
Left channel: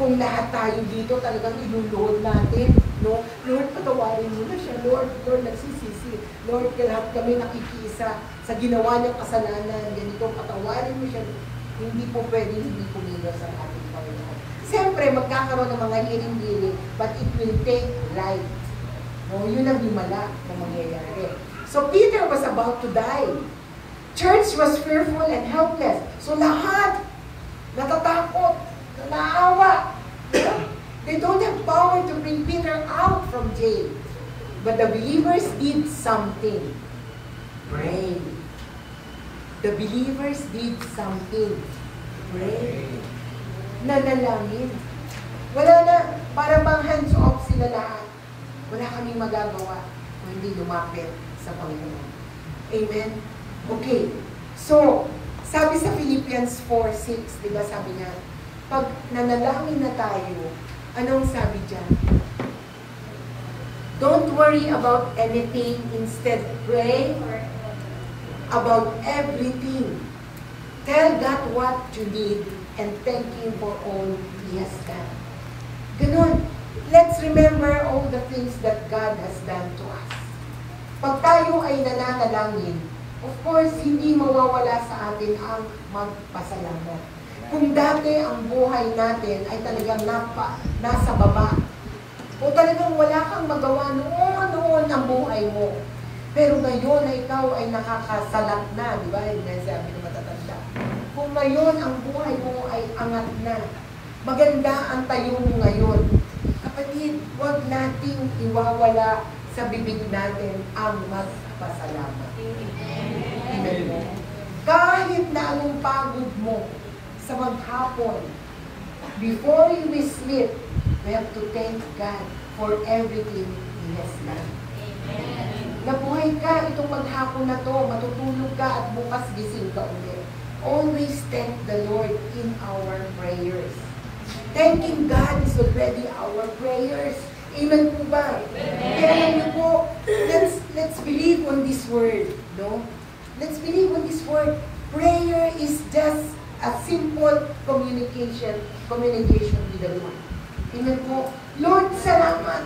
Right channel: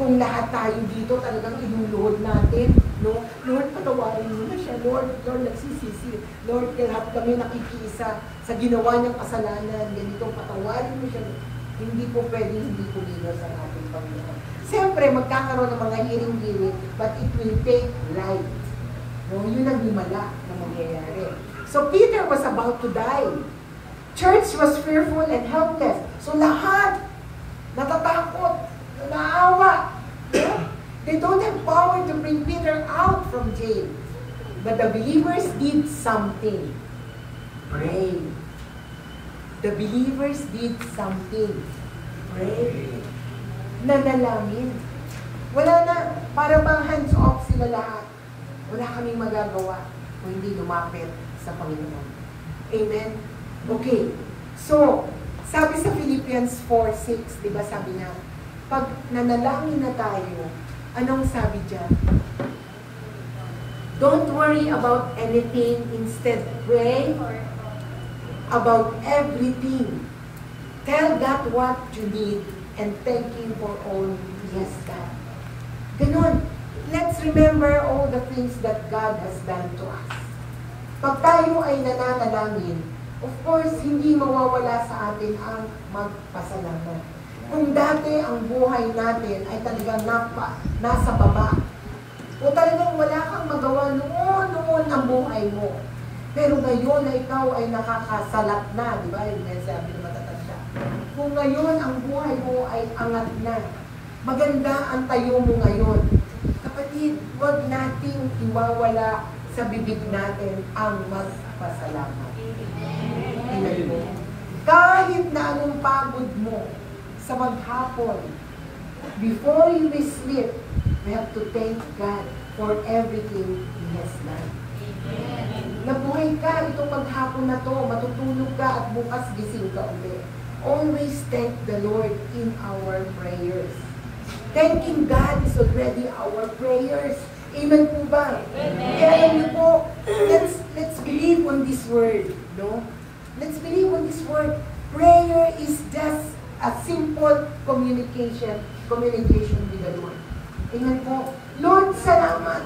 Kung lahat tayo dito talagang inuluhod natin, no? Lord, patawarin mo na siya. Lord, nagsisisi. Lord, lahat kami nakikiisa sa ginawa niyang kasalanan. Ganito, patawarin mo siya. Hindi po pwede hindi kumilos ang ating Panginoon. Siyempre, magkakaroon ng mga hiring-hiring, but it will take life. No, yun ang himala na mangyayari. So Peter was about to die. Church was fearful and helpless. So lahat natatakot, naawa. Yeah? They don't have power to bring Peter out from jail. But the believers did something. Pray. The believers did something. Pray. Nanalangin. Wala na, para bang hands off sila lahat. Wala kaming magagawa kung hindi lumapit sa Panginoon. Amen? Okay. So, sabi sa Philippians 4:6, di ba sabi niya, pag nanalangin na tayo, anong sabi dyan? Don't worry about anything, instead pray about everything. Tell God what you need and thank Him for all He has done. Ganun. Let's remember all the things that God has done to us. Pag tayo ay nananalangin, of course, hindi mawawala sa atin ang magpasalamat. Kung dati ang buhay natin ay talagang nasa baba, o talagang wala kang magawa noon ang buhay mo. Pero ngayon na ikaw ay nakakasalat na, di ba? Yung sabi ng matatanda. Kung ngayon ang buhay mo ay angat na, maganda ang tayo mo ngayon. Kapatid, huwag nating iwawala sa bibig natin ang magpasalamat. Amen mo. Kahit na anong pagod mo sa maghapon, before you sleep, we have to thank God for everything He has done. Nabuhay ka itong maghapon na to, matutulog ka at bukas gising ka ulit. Always thank the Lord in our prayers. Thanking God is already our prayers. Amen po ba? Kaya alam niyo po, let's believe on this word, no? Let's believe on this word. Prayer is just a simple communication with the Lord. Amen po. Lord, salamat.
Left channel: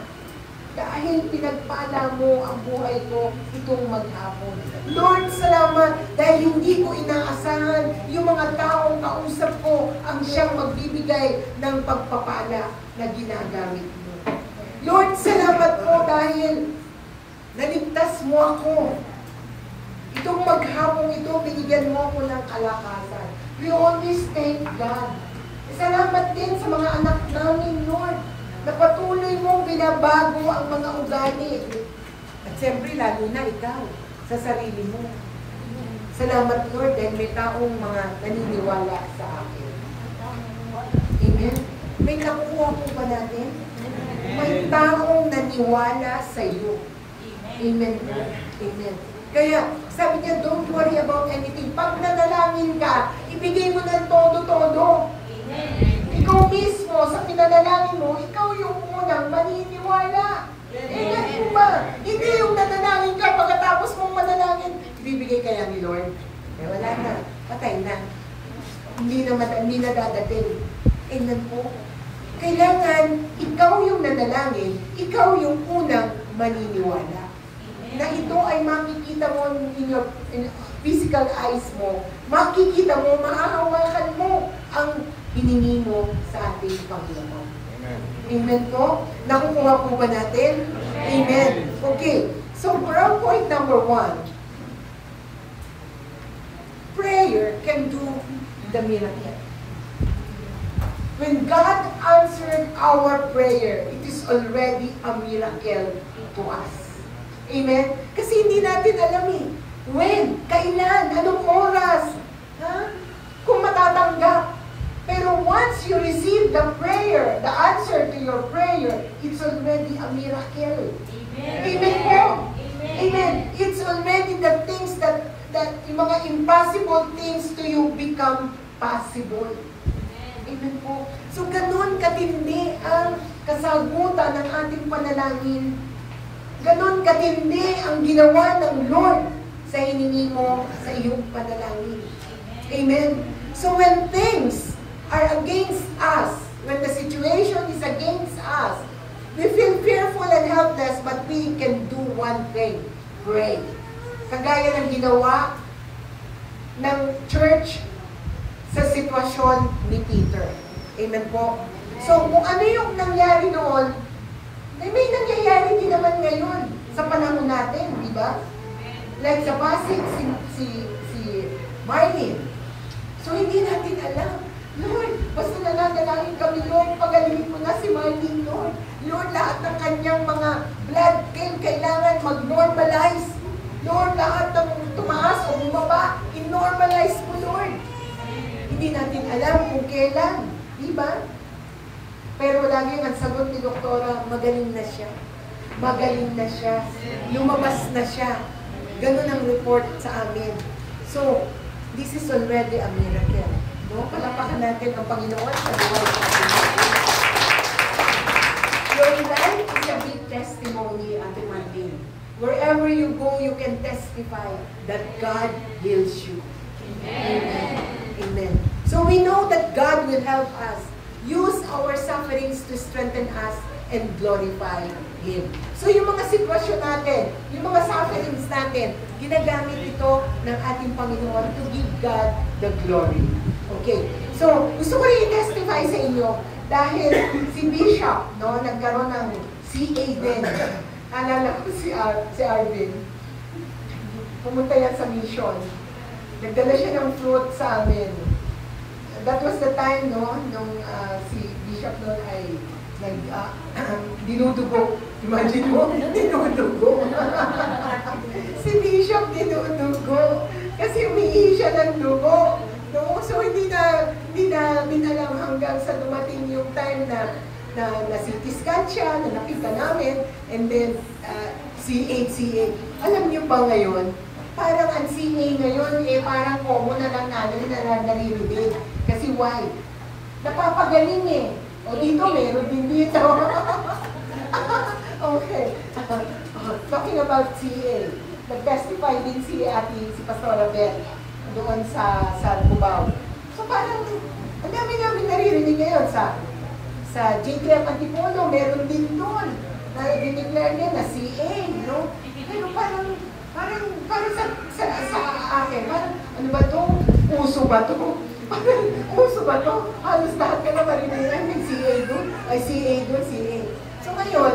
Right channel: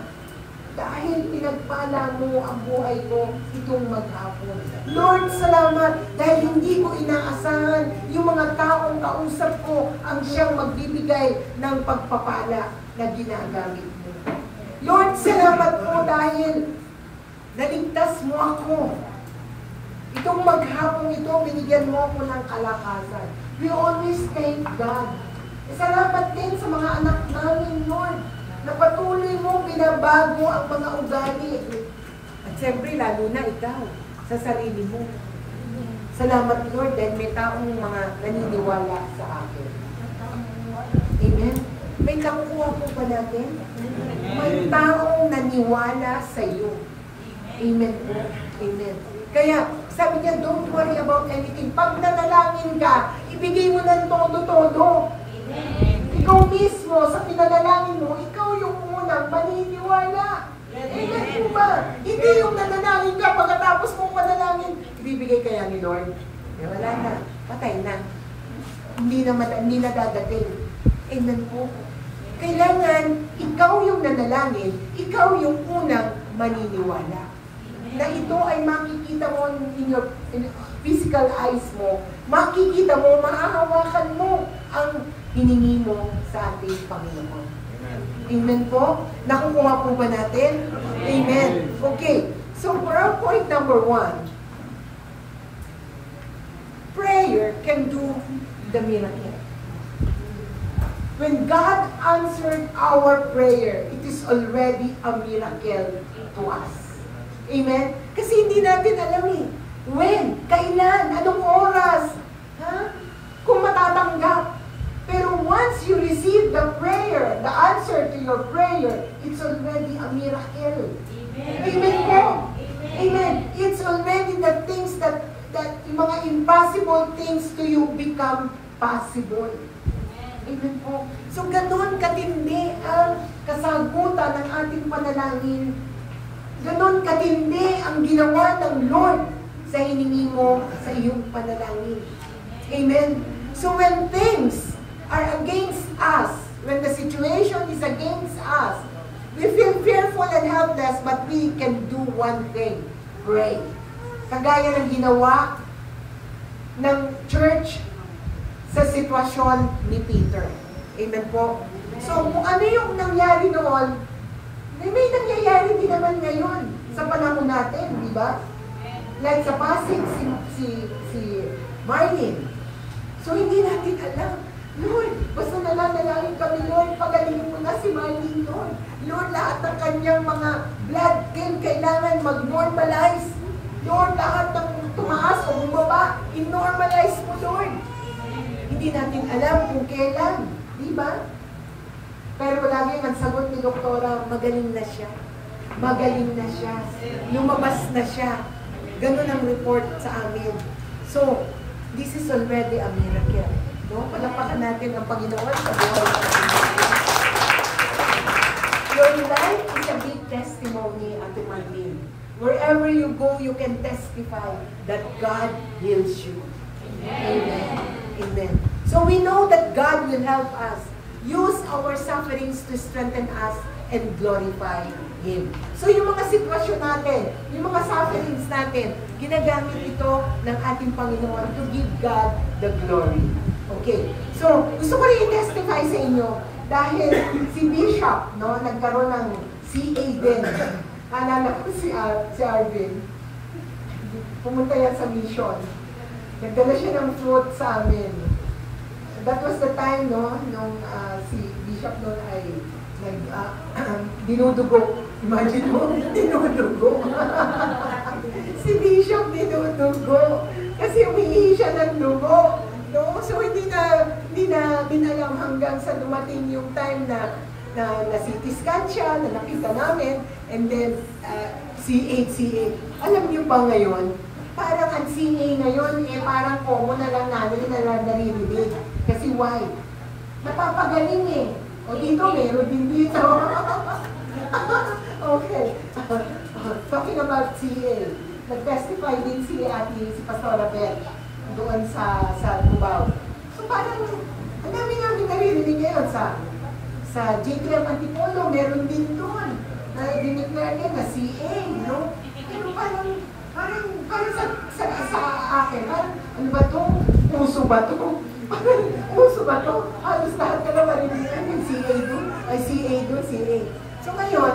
Dahil pinagpala mo ang buhay ko itong maghapon. Lord, salamat dahil hindi ko inaasahan yung mga taong kausap ko ang siyang magbibigay ng pagpapala na ginagamit mo. Lord, salamat po dahil naligtas mo ako. Itong maghapon ito, binigyan mo ako ng kalakasan. We always thank God. Salamat din sa mga anak namin, Lord, na patuloy mong binabago ang mga ugali. At siyempre, lalo na ikaw, sa sarili mo. Salamat, Lord, dahil may taong mga naniniwala sa akin. Amen? May nakukuha po ba natin? May taong naniwala sa iyo. Amen po. Amen. Kaya, sabi niya, don't worry about anything. Pag nanalangin ka, ibigay mo ng todo-todo. Ikaw mismo, sa pinanalangin mo, ikaw yung unang maniniwala. Amen po ba? Hindi yung nanalangin ka, pagkatapos mong manalangin, ibibigay kaya ni Lord. Eh, wala na. Patay na. Hindi na dadating. Amen po. Kailangan, ikaw yung nanalangin, ikaw yung unang maniniwala. Na ito ay makikita mo in your physical eyes mo, makikita mo, maahawakan mo ang hiningi mo sa ating Panginoon. Amen po? Nakukuha po ba natin? Amen. Okay. So, for our point number 1, prayer can do the miracle. When God answered our prayer, it is already a miracle to us. Amen? Kasi hindi natin alam eh. When? Kailan? Anong oras? Ha? Kung matatanggap. Pero once you receive the prayer, the answer to your prayer, it's already a miracle. Amen. Amen po. Amen. It's already the things that yung mga impossible things to you become possible. Amen po. So, ganun katindi ang kasagutan ng ating panalangin. Ganun katindi ang ginawa ng Lord sa hiningi mo sa iyong panalangin. Amen. So, when things are against us, when the situation is against us, we feel fearful and helpless, but we can do one thing, pray. Kagaya ng ginawa ng church sa sitwasyon ni Peter. Amen po. So, kung ano yung nangyari noon, may nangyayari din naman ngayon sa panahon natin, di ba? Like sa Pasig, si Marlene. So, hindi natin alam. Lord, basta nananalangin kami, Lord, pagalingin mo na si Marlene, Lord. Lord, lahat ng kanyang mga blood gain kailangan mag-normalize. Lord, lahat ng tumaas o bumaba, in-normalize mo, Lord. Hindi natin alam kung kailan, di ba? Pero lagi ang sagot ni Doktora, magaling na siya. Magaling na siya. Lumabas na siya. Ganun ang report sa amin. So, this is already a miracle. No? Palakpakan natin ang Panginoon sa buhay natin. Your life is a big testimony unto my name. Wherever you go, you can testify that God heals you. Amen. Amen. So we know that God will help us use our sufferings to strengthen us and glorify Him. So yung mga sitwasyon natin, yung mga sufferings natin, ginagamit ito ng ating Panginoon to give God the glory. Okay. So, gusto ko rin i-testify sa inyo dahil si Bishop, no, nagkaroon ng CA din. Alala ko si Arvin. Pumunta yan sa mission. Nagdala siya ng fruit sa amin. That was the time, no, nung si Bishop noon ay dinudugo. Imagine mo, dinudugo. Si Bishop dinudugo. Kasi umiihi siya ng dugo. No? So hindi namin alam hanggang sa dumating yung time na CT scan siya, na nakita namin, and then CA. Alam niyo ba ngayon, parang ang CA ngayon, parang common na lang namin na naririnig. Kasi why? Napapagaling eh. O dito, meron din dito. Okay. Talking about CA, nag-testify din si Pastora Beth doon sa Cubao. So parang, ang dami namin naririnig ngayon sa J3 Antipolo, meron din doon. Na-declare niya na CA, no? Pero parang sa akin, ano ba to? Puso ba to? Puso ba to? Halos lahat ka na marinigan ng CA doon. Ay, CA doon, CA. So ngayon,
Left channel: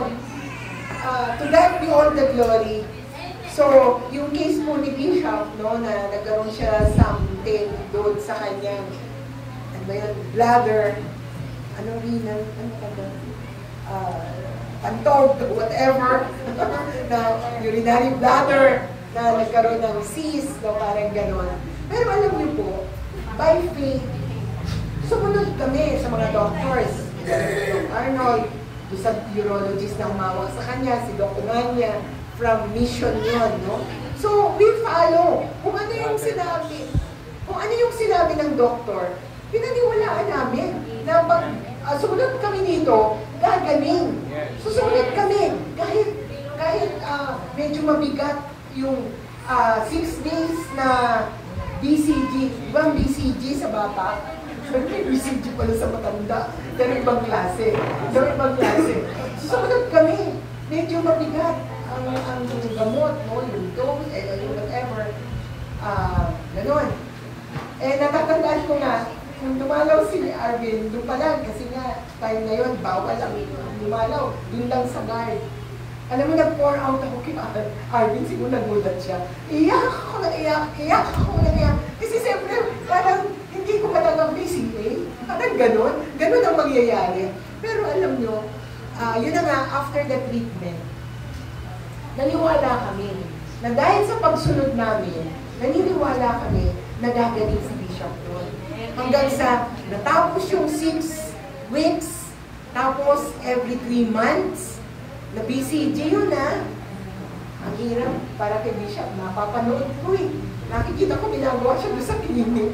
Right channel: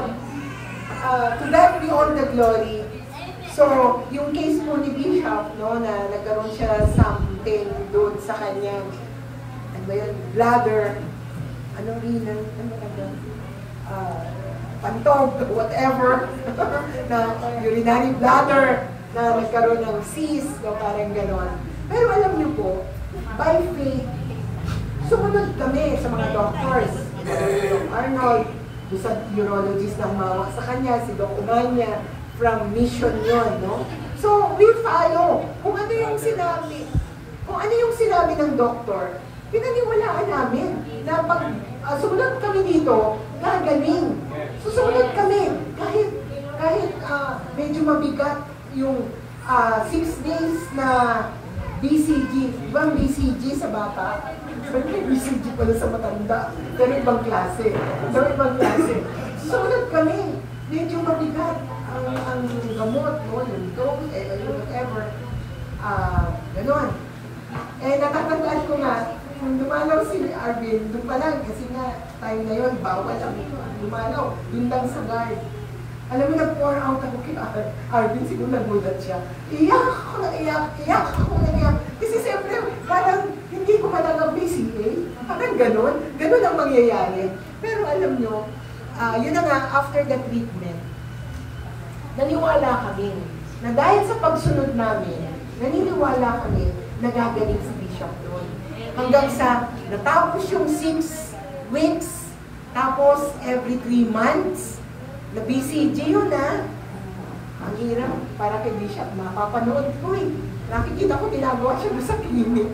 to God be all the glory. So, yung case po ni Bishop, no, na nagkaroon siya something doon sa kanyang, ano ba yun, bladder, renal, pantog, whatever, na urinary bladder, na nagkaroon ng cyst, no, parang ganon. Pero alam niyo po, by faith, sumunod kami sa mga doctors. Si Arnold, doon sa urologist na humawak sa kanya, si Doc Umanya, from mission yon, no? So, we follow. Kung ano yung sinabi ng doktor, pinaniwalaan namin na pag sumunod kami dito, gagaling. So, sumunod kami. Kahit medyo mabigat yung 6 days na BCG. Ibang BCG sa bata. BCG pala sa matanda. Pero ibang klase. Sumunod kami. Medyo mabigat ang gamot, no? Yung dog, whatever. Ganon. Natatandaan ko nga, kung dumalaw si Arvin, doon pa lang, kasi nga, time na yun, bawal ang dumalaw, doon lang sa guard. Alam mo, nag-pour out ako kay Arvin, siguro nagulat siya. Iyak ako. Kasi siyempre, parang hindi ko malagang PCA. Parang ganon ang mangyayari. Pero alam nyo, yun na nga, after the treatment, naniwala kami na dahil sa pagsunod namin, naniniwala kami na gagaling si Bishop doon. Hanggang sa natapos yung 6 weeks, tapos every 3 months, na BCG yun Ang hirap para kay Bishop, napapanood ko eh. Nakikita ko ginagawa siya doon sa klinik.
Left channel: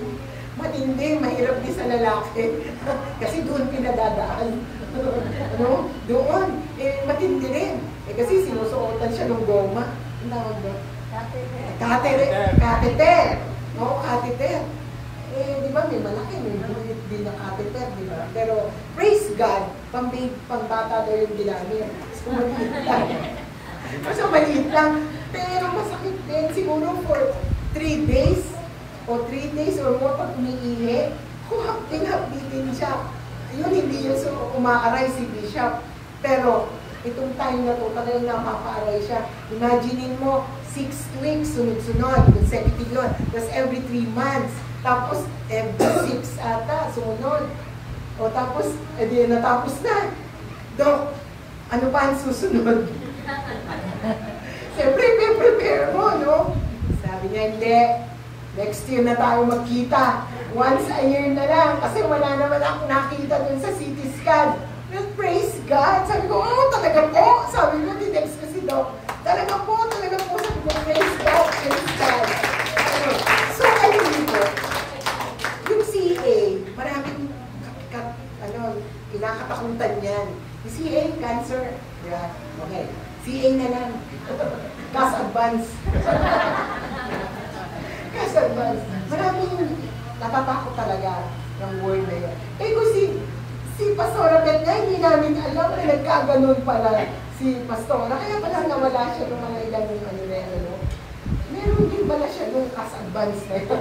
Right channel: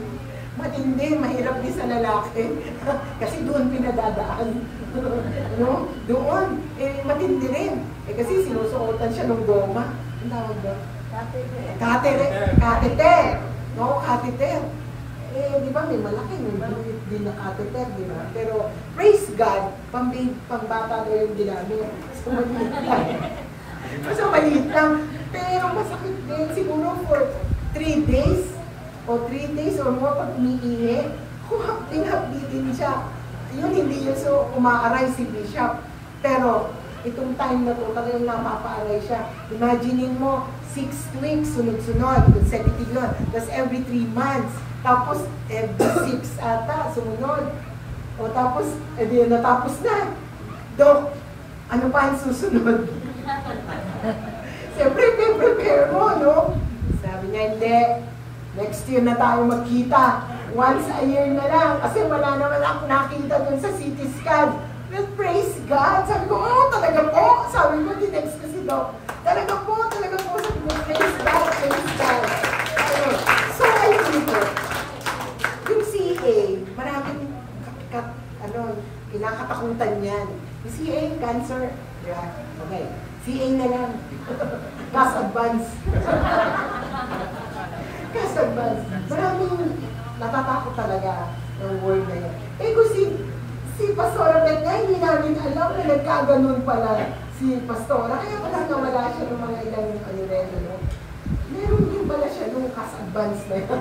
Matindi, mahirap din sa lalaki. Kasi doon pinadadaan. Doon, matindi rin. Kasi sinusuotan siya ng goma. Ang tawag doon? Catheter. No, catheter. Di ba, may malaki, may bulit din na catheter, di ba? Pero, praise God, pang-bata daw yung ginamit. So, maliit lang. Pero, masakit din. Siguro for 3 days, o 3 days or more pag umiihi, hapding-hapditin siya. Yun, hindi yun so umaaray si Bishop. Pero, itong time na to, talagang napapaaray siya. Imaginein mo, 6 weeks, sunod-sunod, consecutive yun. Tapos every 3 months. Tapos, every 6 ata, sumunod. O tapos, natapos na. Dok, ano pa ang susunod? Siyempre, prepare mo, no? Sabi niya, hindi. Next year na tayo magkita. Once a year na lang. Kasi wala naman akong nakita dun sa CT scan. Well, praise God. Sabi ko, talaga po. Sabi ko, tinext ko si Doc. Talaga po. Sabi ko, praise God. So, ayun dito. Yung CA, CA, cancer. Diba? Okay. CA na lang. Cash advance. Cash advance. Maraming natatakot talaga ng word na yun. Eh kung si Pastora Beth, hindi namin alam na nagkaganon pala si Pastora. Kaya palang nawala siya ng mga ilang ano rin, ano. Meron din pala siya nung cash advance na yun.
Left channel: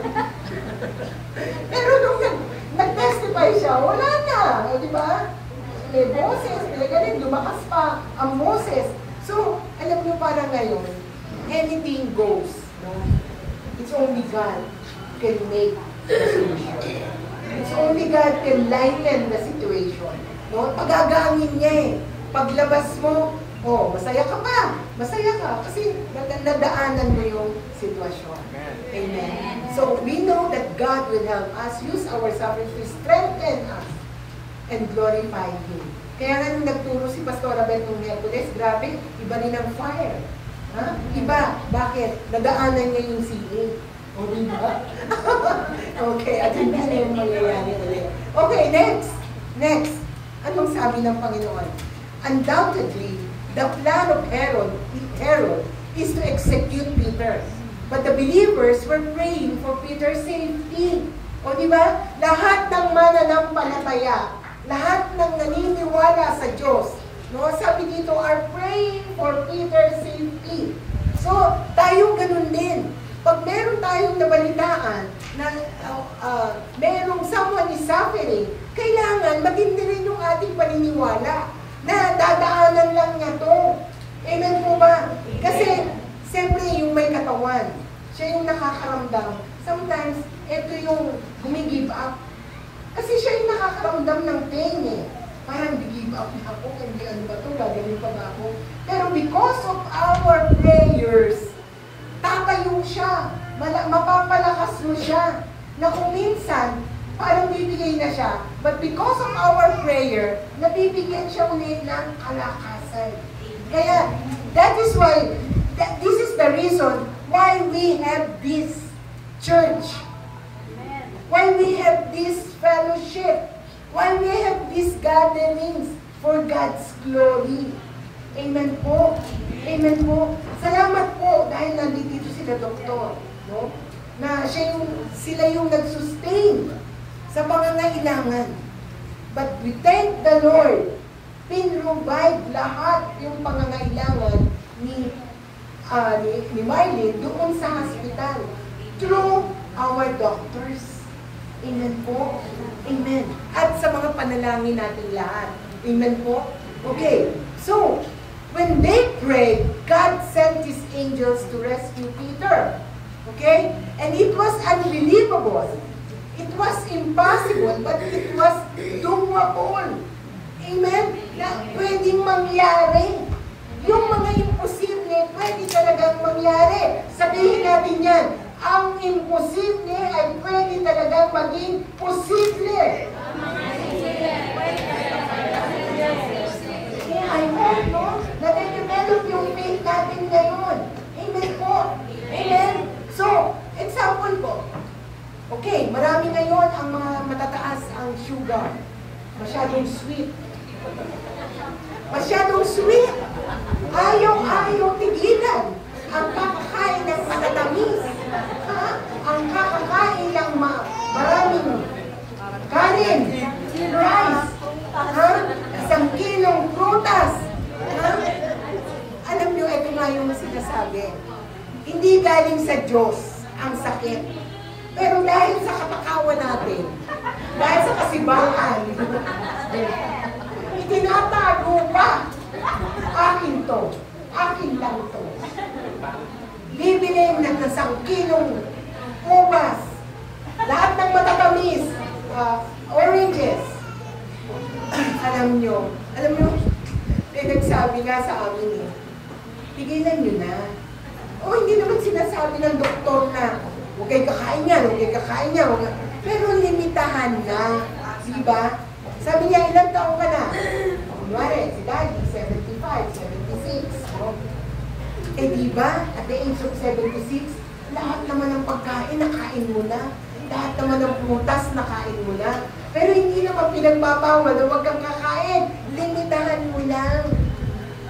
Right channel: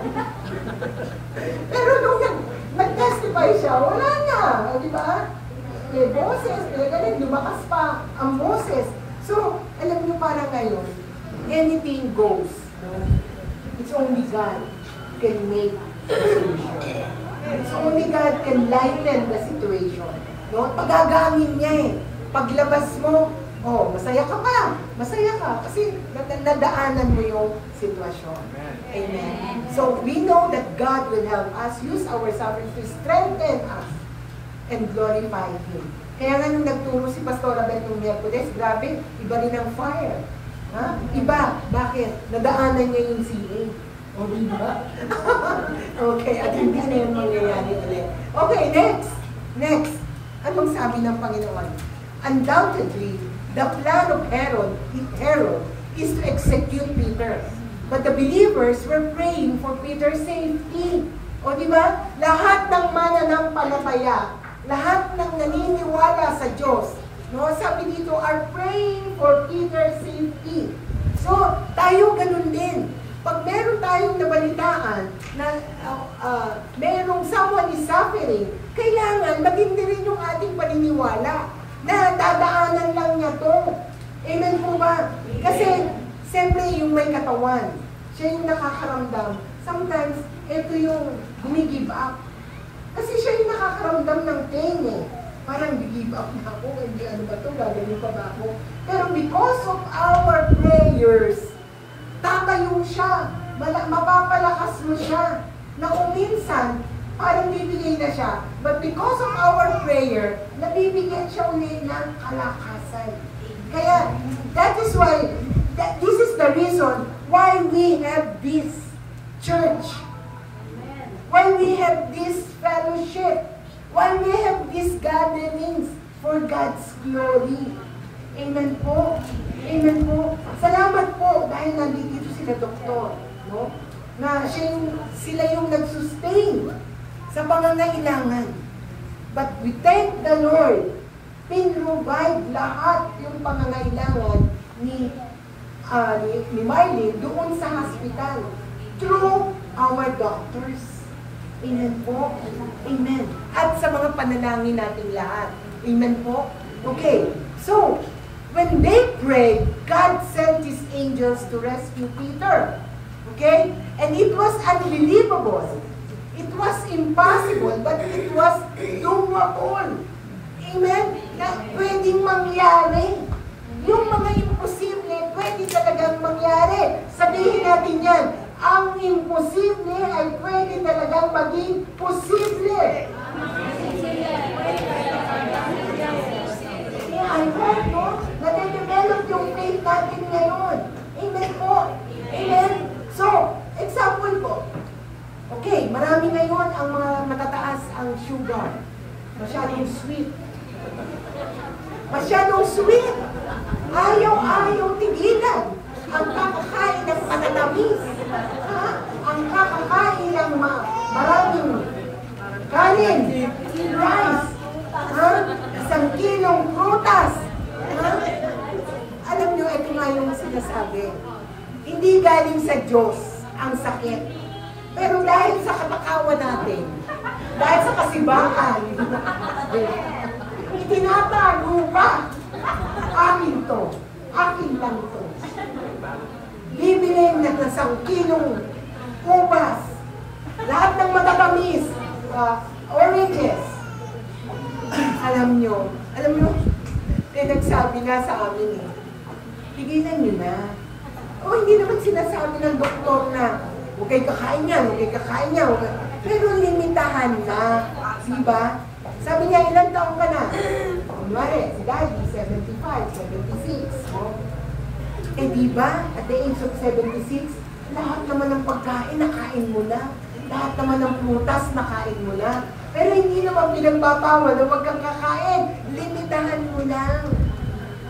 Pero nung nag-testify siya, wala na. Di ba? May boses, pinagaling, lumakas pa ang boses. So, alam niyo parang ngayon, anything goes. No? It's only God can make the solution. It's only God can lighten the situation. No? Pagagaangin niya eh. Paglabas mo, oh, masaya ka pa. Masaya ka. Kasi nadaanan mo yung sitwasyon. Amen. So, we know that God will help us use our suffering to strengthen us and glorify Him. Kaya nga nung nagturo si Pastora Beth ng Miyerkules, grabe, iba rin ang fire. Ha? Iba. Bakit? Nadaanan niya yung CA. O, diba? Okay, at hindi na yung mangyayari ulit. Okay, next. Next. Anong sabi ng Panginoon? Undoubtedly, the plan of Herod is to execute Peter. But the believers were praying for Peter's safety. O diba? Lahat ng mananampalataya, lahat ng naniniwala sa Diyos, no? Sabi dito, are praying for Peter's safety. So, tayo ganun din. Pag meron tayong nabalitaan na merong someone is suffering, kailangan maging rin yung ating paniniwala na dadaanan lang niya to. Amen po ba? Kasi, siyempre yung may katawan, siya yung nakakaramdam. Sometimes, ito yung gumigive up. Kasi siya yung nakakaramdam ng pain eh. Parang give up na ako, hindi ano ba ito, gagawin pa ba ako? Pero because of our prayers, tatayo siya, mapapalakas mo siya, na kung minsan, parang bibigay na siya. But because of our prayer, nabibigyan siya ulit ng kalakasan. Kaya, that is why, this is the reason why we have this church. Why we have this fellowship. Why we have these gatherings for God's glory. Amen po. Amen po. Salamat po dahil nandito sila doktor, no? Na sila yung nag-sustain sa pangangailangan. But we thank the Lord. Pin-provide lahat yung pangangailangan ni Marlene doon sa hospital through our doctors. Amen po. Amen. At sa mga panalangin natin lahat. Amen po. Okay. So, when they prayed, God sent His angels to rescue Peter. Okay? And it was unbelievable. It was impossible, but it was doable. Amen? Na pwedeng mangyari. Yung mga imposible, pwede talagang mangyari. Sabihin natin yan, ang imposible ay pwede talagang maging posible. Kaya I hope po, na-develop yung faith natin ngayon. Amen po. Amen. So, example po. Okay, marami ngayon ang mga matataas ang sugar. Masyadong sweet. Masyadong sweet. Ayaw tigilan. Ang kakakain ng matatamis. Ha? Ang kakakain ng maraming kanin, rice, ha? 1 kilong prutas. Ha? Alam nyo, ito nga yung sinasabi. Hindi galing sa Diyos ang sakit. Pero dahil sa katakawan natin, dahil sa kasibahan, itinatago pa. Akin to. Akin lang to. Bibili ng 1 kilong ubas. Lahat ng matatamis, oranges. Alam nyo, nagsabi nga sa amin eh, tigilan nyo na. O hindi naman sinasabi ng doktor na, huwag kayo kakain yan, huwag kayo kakain yan. Pero limitahan na. Diba? Sabi niya, ilang taong ka na? Kunwari, si Daddy, 75, 76. Oh. Eh diba, at the age of 76, lahat naman ng pagkain, nakain mo na. lahat naman ng prutas nakain mo na. Pero hindi naman pinagbabawal na huwag kang kakain. Limitahan mo lang.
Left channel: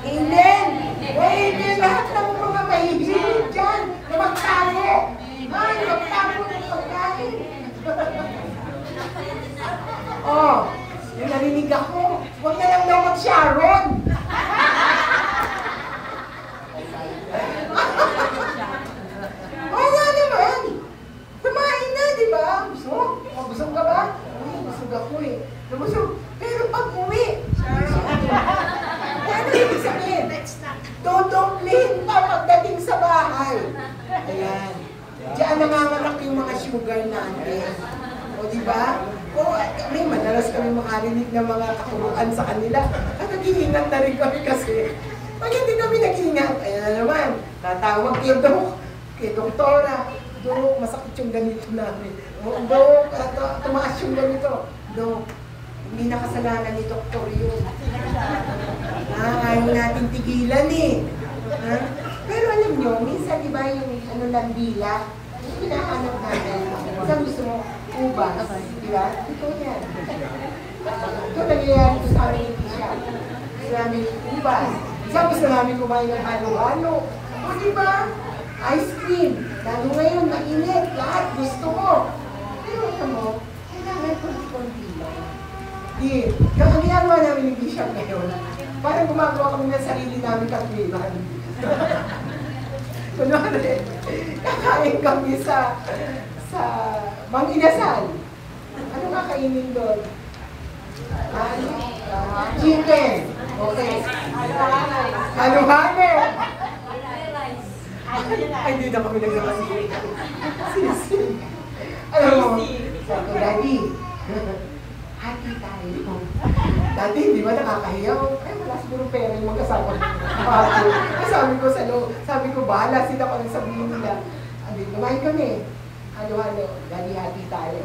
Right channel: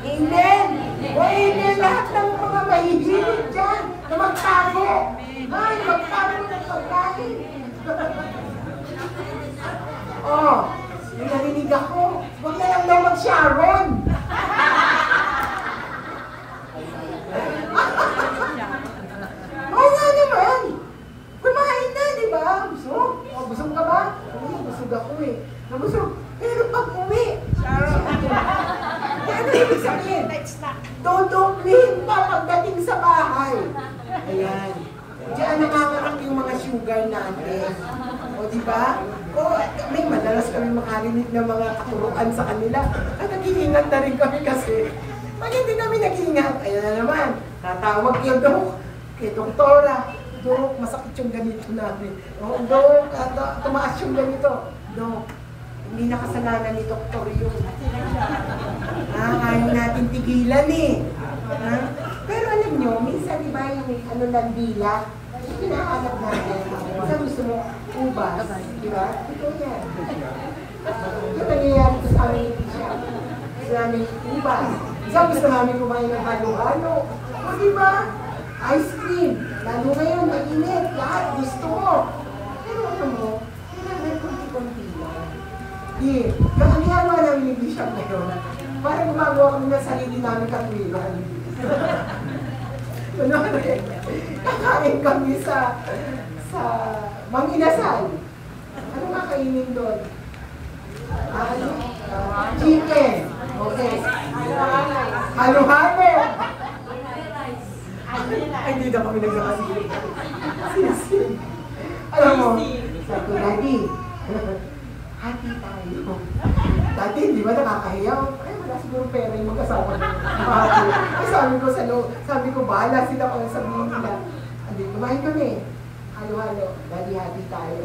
Amen! O amen lahat ng mga mahihilig dyan na magtago. Ay, magtago ng pagkain. Oh, yung narinig ako, huwag na lang daw mag-Sharon. Wala naman. Kumain na, di ba? Busog? Oh, busog ka ba? Busog ako eh. Nabusog. Pero pag uwi, ano ibig sabihin? Dodoblin pa pagdating sa bahay. Ayan. Diyan nanganganak yung mga sugar natin. O, di ba? O, may madalas kami makarinig ng mga katuruan sa kanila. At nag-iingat na rin kami kasi pag hindi kami nag-iingat, ayan na naman, tatawag kay Dok, kay Doktora. Dok, masakit yung ganito natin. O, Dok, tumaas yung ganito. Dok, hindi na kasalanan ni Doktor yun. Ayaw natin tigilan eh. Ha? Pero alam nyo, minsan di ba yung ano ng dila, yung hinahanap natin, minsan gusto mo, ubas, di ba? Ito yan. Ito nangyayari ko sa amin yung siya. Gusto namin ubas. Minsan gusto namin kumain ng halo-halo. O di ba? Ice cream. Lalo ngayon, mainit. Lahat gusto mo. Pero alam mo, kailangan konti-konti lang. Di, kakalihan mo namin yung siya ngayon. Para gumagawa kami ng sarili namin katwiran. Kunwari, kakain kami sa Mang Inasal. Ano kakainin doon? Chicken. Okay. Halo-halo. Ay, hindi na kami nagkakasin. Alam mo, sabi ko, Daddy, hati tayo. Dati, di ba nakakahiyaw? Ay, wala siguro pera yung magkasama ko. Ay, sabi ko, bahala sila kung sabihin nila. Sabi, kumain kami. Halo-halo, Daddy, hati tayo.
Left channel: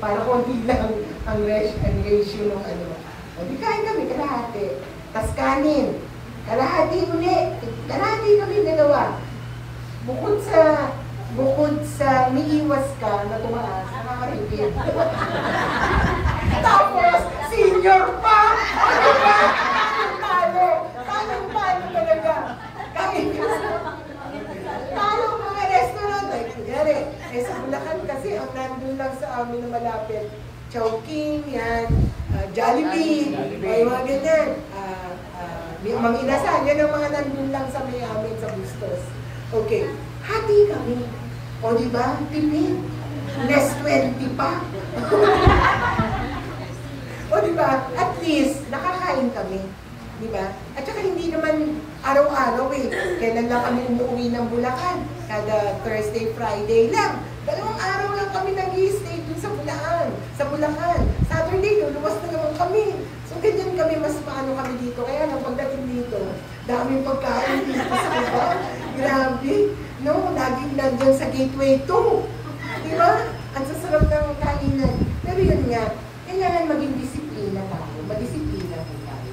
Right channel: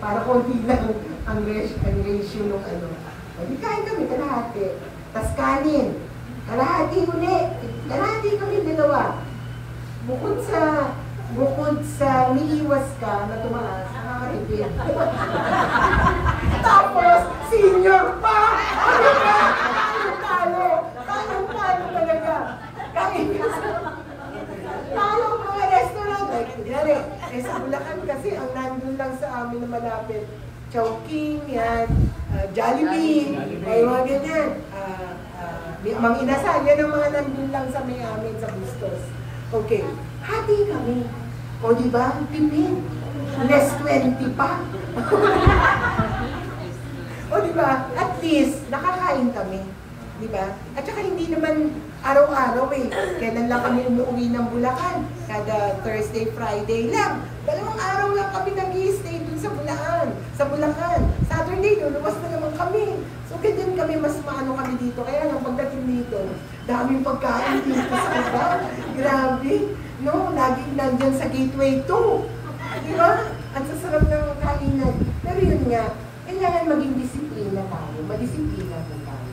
Para konti lang ang ratio ng ano. Sabi, kain kami, kalahati. Tas kanin. Kalahati uli. Kalahati kami dalawa. Bukod sa umiiwas ka na tumaas, nakakatipid. Tapos, senior pa! Ano ba? Talo talaga. Kahit talo mga restaurant. Like, kunyari, sa Bulacan kasi, ang nandun lang sa amin na malapit. Chowking, yan. Jollibee. Ay, mga ganyan. Mang Inasal, yan ang mga nandun lang sa may amin sa Bustos. Okay. Hati kami. O, di ba? Tipid. Less 20 pa. O, di ba? At least, nakakain kami. Di ba? At saka hindi naman araw-araw eh. Kailan lang kami umuwi ng Bulacan? Kada Thursday, Friday lang. 2 araw lang kami nag-i-stay dun sa Bulacan. Saturday, luluwas na naman kami. So, ganyan kami, mas maano kami dito. Kaya nang pagdating dito, daming pagkain dito sa iba. Grabe. No, laging nandyan sa Gateway 2. Di ba? Ang sasarap ng kainan. Pero yun nga, kailangan maging disiplina tayo. Madisiplina po tayo.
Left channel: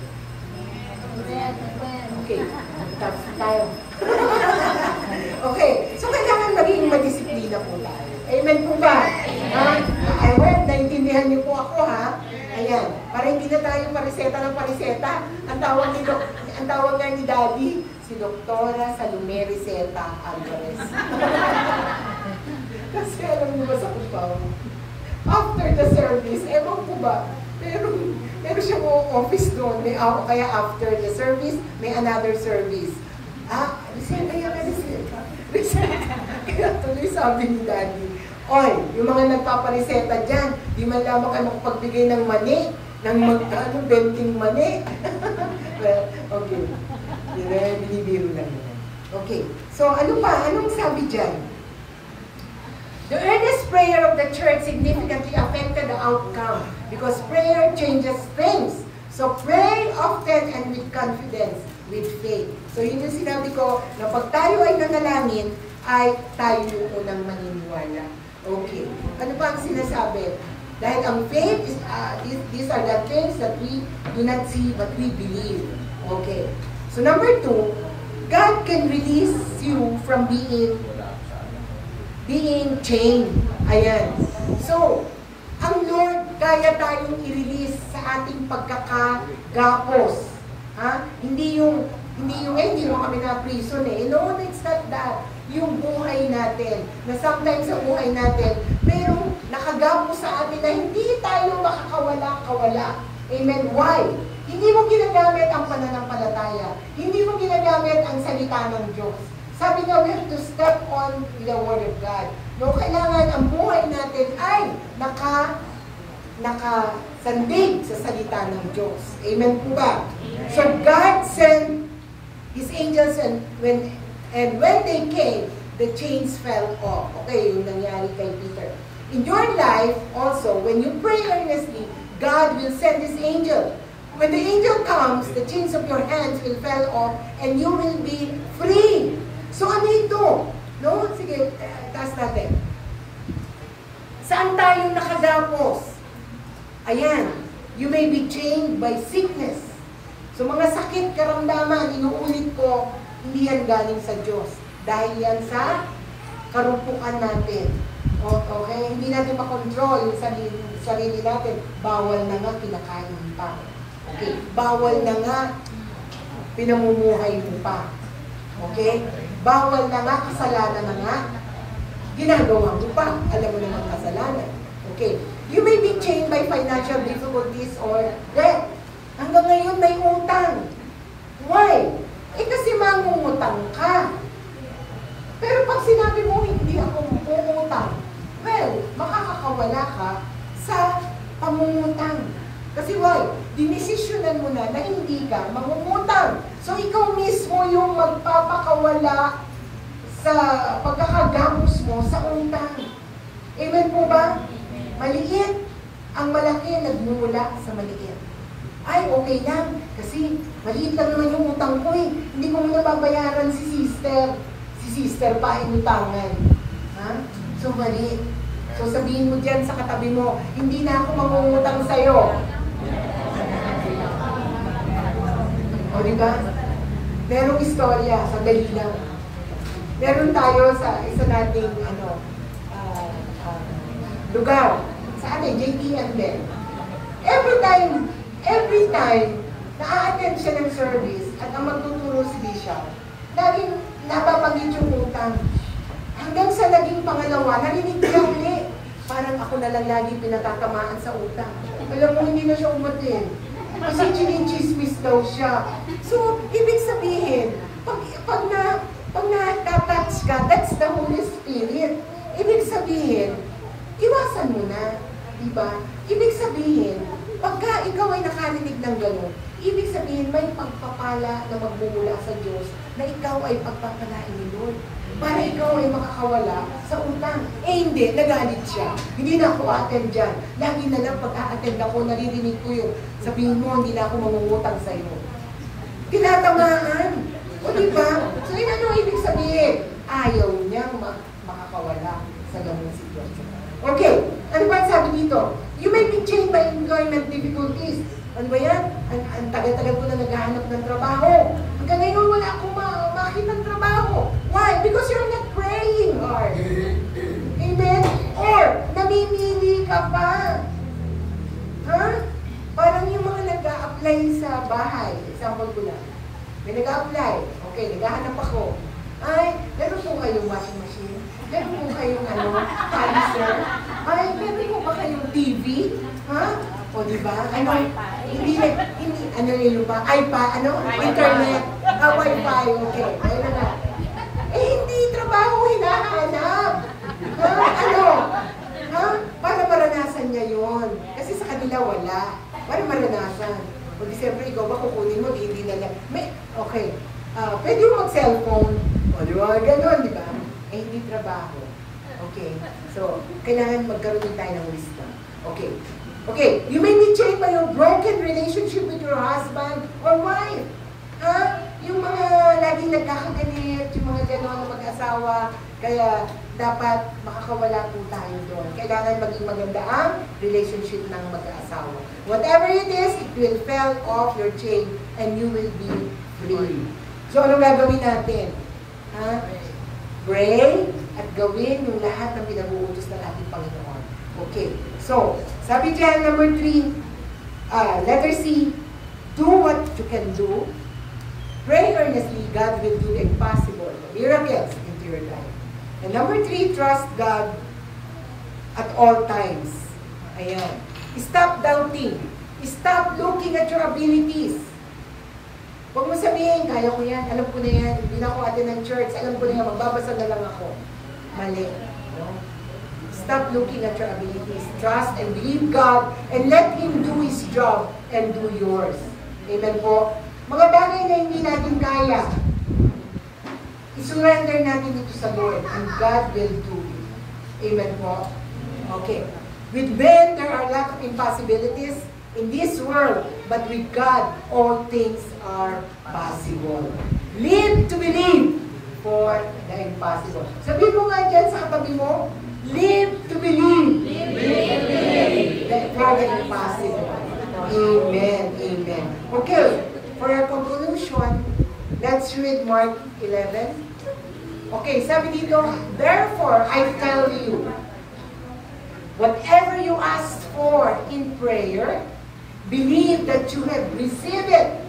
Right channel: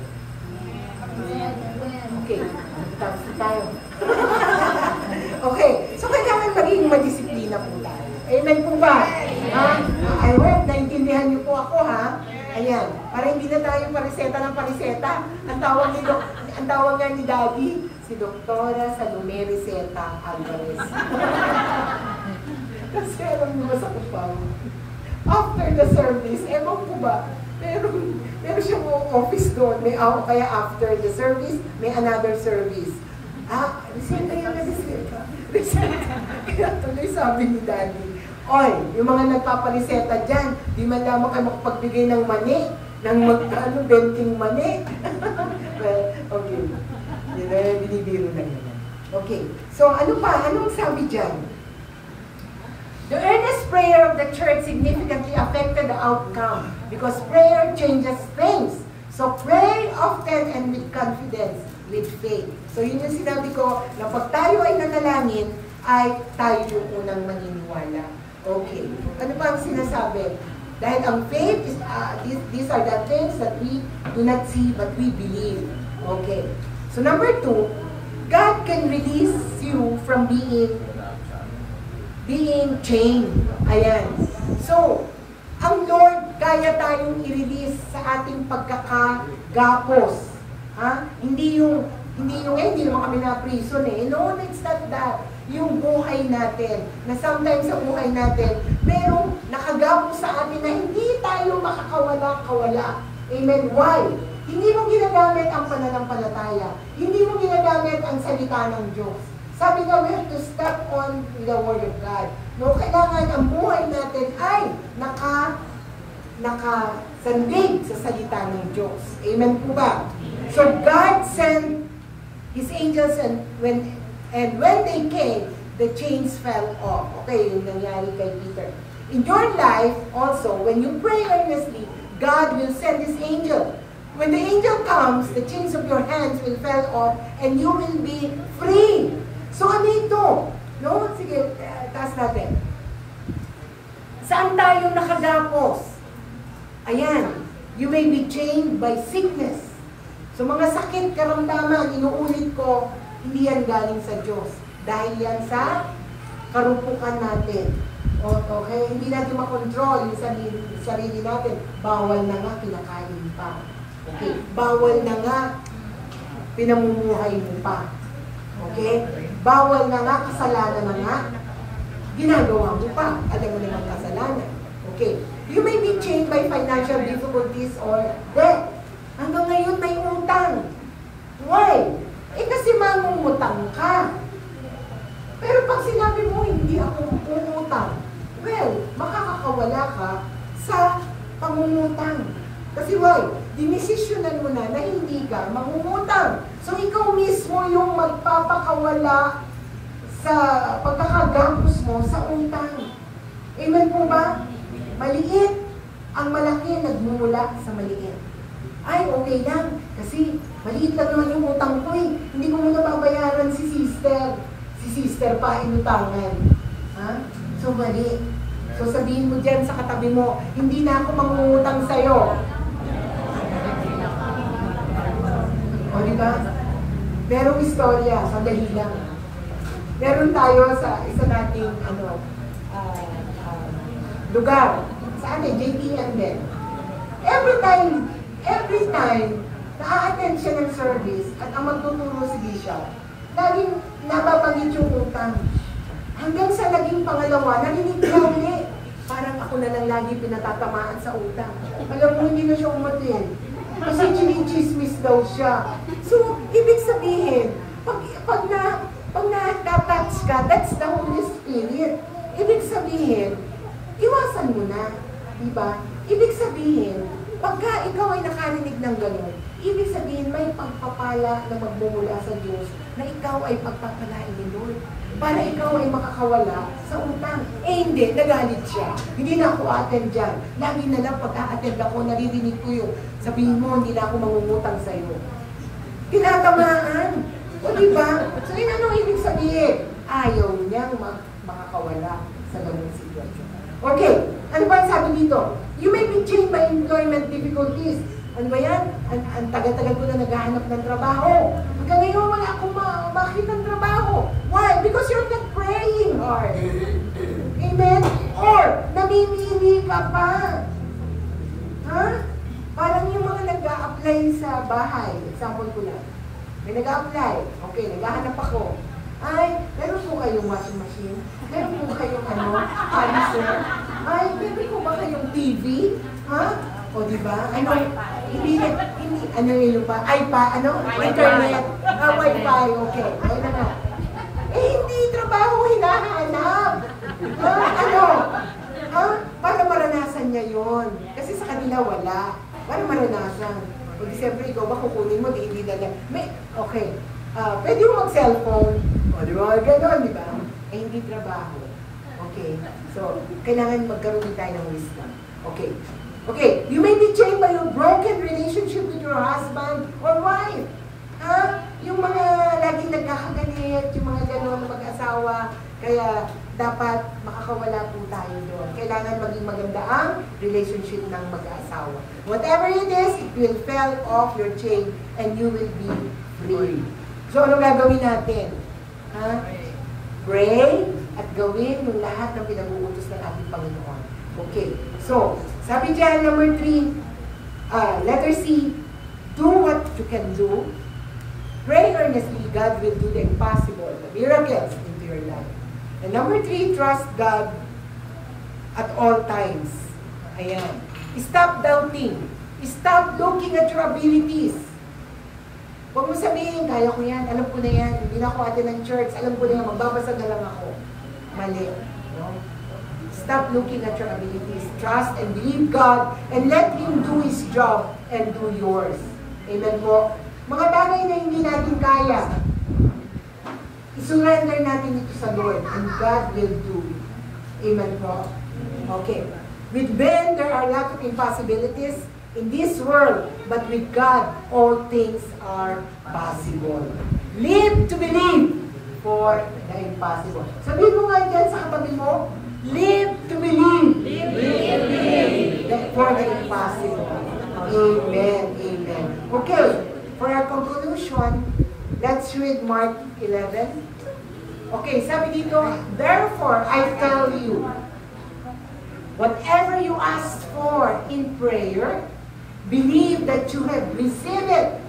Okay, tapos tayo. Okay, so kailangan maging madisiplina po tayo. Amen po ba? I hope naintindihan niyo po ako, ha? Ayan, para hindi na tayo pariseta ng pariseta. Ang tawag nga ni Daddy, si Doktora Salome Riseta Alvarez. Kasi alam niyo ba sa Kupaw? After the service, ewan po ba? Meron siyang office doon. Kaya after the service, may another service. Reseta yan, reseta. Kaya tuloy sabi ni Daddy, oy, yung mga nagpapariseta dyan, di man lamang kayo makapagbigay ng mani, ng benting mani. Well, okay. Binibiro lang yan. Okay. So, ano pa? Anong sabi dyan? The earnest prayer of the church significantly affected the outcome because prayer changes things. So pray often and with confidence, with faith. So yun yung sinabi ko, na pag tayo ay nanalangin, ay tayo yung unang maniniwala. Okay. Ano pa ang sinasabi? Dahil ang faith is, these are the things that we do not see but we believe. Okay. So number 2, God can release you from being being chained. Ayan. So, ang Lord, kaya tayong i-release sa ating pagkakagapos. Ha? Hindi naman kami na-prison eh. No, it's not that. Yung buhay natin, na sometimes sa buhay natin, merong nakagapos sa atin na hindi tayo makakawala-kawala. Amen? Why? Hindi mo ginagamit ang pananampalataya. Hindi mo ginagamit ang salita ng Diyos. Sabi nga, we have to step on with the Word of God. No, kailangan ang buhay natin ay nakasandig sa salita ng Diyos. Amen po ba? So God sent His angels and when they came, the chains fell off. Okay, yung nangyari kay Peter. In your life also, when you pray earnestly, God will send His angel. When the angel comes, the chains of your hands will fall off and you will be free. So ano ito? No? Sige, taas natin. Saan tayo nakagapos? Ayan, you may be chained by sickness. So mga sakit, karamdaman, inuulit ko, hindi yan galing sa Diyos. Dahil yan sa karupukan natin. Okay? Hindi natin makontrol yung sarili natin. Bawal na nga, kinakain pa. Okay? Bawal na nga, pinamumuhay mo pa. Okay? Bawal na nga, kasalanan na nga, ginagawa mo pa. Alam mo naman kasalanan. Okay? You may be chained by financial difficulties or debt. Hanggang ngayon may utang. Why? Eh kasi mangungutang ka. Pero pag sinabi mo, hindi ako pumutang, well, makakakawala ka sa pangungutang. Kasi why? Dinesisyonan mo na hindi ka mangungutang. So ikaw mismo yung magpapakawala sa pagkakagapos mo sa utang. Amen po ba? Maliit. Ang malaki nagmumula sa maliit. Ay, okay lang. Kasi maliit lang naman yung utang ko eh. Hindi ko muna babayaran si sister. Si sister pa inutangan. Ha? So maliit. So sabihin mo dyan sa katabi mo, hindi na ako mangungutang sa'yo. O diba? Merong istorya, sandali lang. Meron tayo sa isa nating lugar. Sa atin, JPM din. Every time na-attend siya ng service at ang magtuturo si Bishop, laging nababanggit yung utang. Hanggang sa naging pangalawa, narinig niya uli. Parang ako na lang lagi pinatatamaan sa utang. Alam mo, hindi na siya umatin. Kasi chinichismis daw siya. So, ibig sabihin, pag na-touch ka, that's the Holy Spirit. Ibig sabihin, iwasan mo na. Diba? Ibig sabihin, pagka ikaw ay nakarinig ng gano'n, ibig sabihin may pagpapala na magmumula sa Diyos na ikaw ay pagpapalain ni Lord. Para ikaw ay makakawala sa utang. Eh hindi, nagalit siya. Hindi na ako attend dyan. Lagi na lang pag-a-attend ako, naririnig ko yung sabihin mo, hindi na ako mangungutang sa iyo. Tinatamaan. O diba? So yun ano ibig sabihin? Ayaw niya makakawala sa ganung sitwasyon. Okay, ano ba sabi dito? You may be chained by employment difficulties. Ano ba yan? Ang tagal-tagal ko na naghahanap ng trabaho. Hanggang ngayon wala akong makita ng trabaho. Why? Because you're not praying hard. Amen? Or, namimili ka pa. Ha? Parang yung mga nag-a-apply sa bahay. Example ko na. May nag-a-apply. Okay, naghahanap ako. Ay, meron po kayong washing machine? Meron po kayong polisher? Ay, meron po ba kayong TV? Ha? O diba? Ano yun ba? Internet? Wi-Fi, okay. Ayun na nga. Eh, hindi trabaho hinahanap. Ha? Para maranasan niya yon. Kasi sa kanila wala. Para maranasan. O di siyempre, ikaw ba kukunin mo, hindi na lang. Okay. Pwede mo mag-cellphone. O di ba? Ganon, di ba? Eh, hindi trabaho. Okay. So, kailangan magkaroon tayo ng wisdom. Okay. Okay, you may be chained by your broken relationship with your husband or wife. Ha? Yung mga laging nagkakagalit, yung mga gano'n na mag-asawa, kaya dapat makakawala po tayo doon. Kailangan maging maganda ang relationship ng mag-asawa. Whatever it is, it will fall off your chain and you will be free. So, anong gagawin natin? Ha? Pray at gawin yung lahat ng pinag-uutos ng ating Panginoon. Okay. So, sabi dyan, number 3, letter C, do what you can do. Pray earnestly, God will do the impossible, the miracles into your life. And number 3, trust God at all times. Ayan. Stop doubting. Stop looking at your abilities. Huwag mo sabihin, kaya ko yan, alam ko na yan, hindi na ako attend ng church, alam ko na yan, magbabasa na lang ako. Mali. No? Stop looking at your abilities. Trust and believe God and let Him do His job and do yours. Amen po. Mga bagay na hindi natin kaya, isurrender natin ito sa Lord and God will do it. Amen po. Okay. With men, there are a lot of impossibilities in this world, but with God, all things are possible. Live to believe for the impossible. Sabihin mo nga dyan sa katabi mo, live to believe. For the impossible. Amen. Amen. Okay. For our conclusion, let's read Mark 11. Okay, sabi dito, therefore, I tell you, whatever you ask for in prayer, believe that you have received it,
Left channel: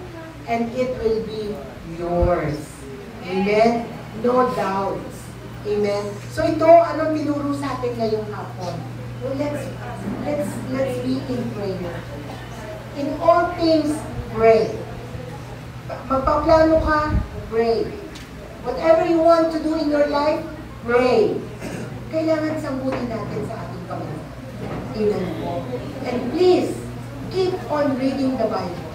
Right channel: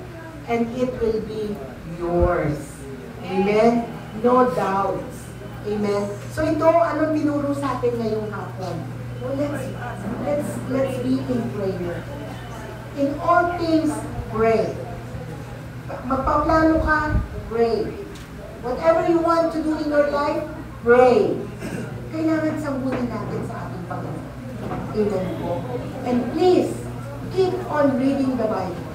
and it will be yours. Amen? No doubts. Amen? So ito, anong tinuro sa atin ngayong hapon? Well, let's be in prayer. In all things, pray. Magpaplano ka, pray. Whatever you want to do in your life, pray. Kailangan sambutin natin sa ating Panginoon. Amen po. And please, keep on reading the Bible.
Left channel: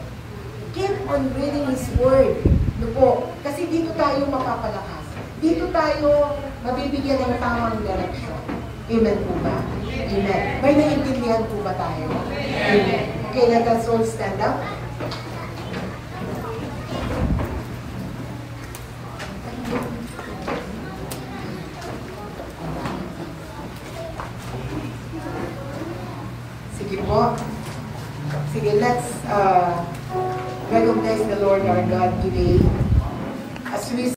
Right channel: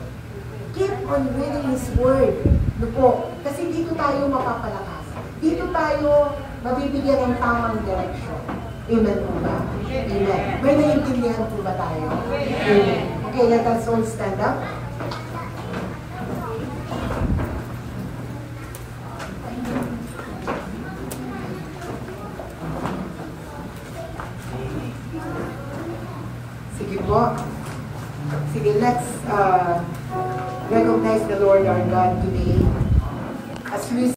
Keep on reading His Word. No po? Kasi dito tayo mapapalakas. Dito tayo mabibigyan ng tamang direksyon. Amen po ba? Amen. May naiintindihan po ba tayo? Amen. Okay, let us all stand up. Sige po. Sige, let's recognize the Lord our God today as we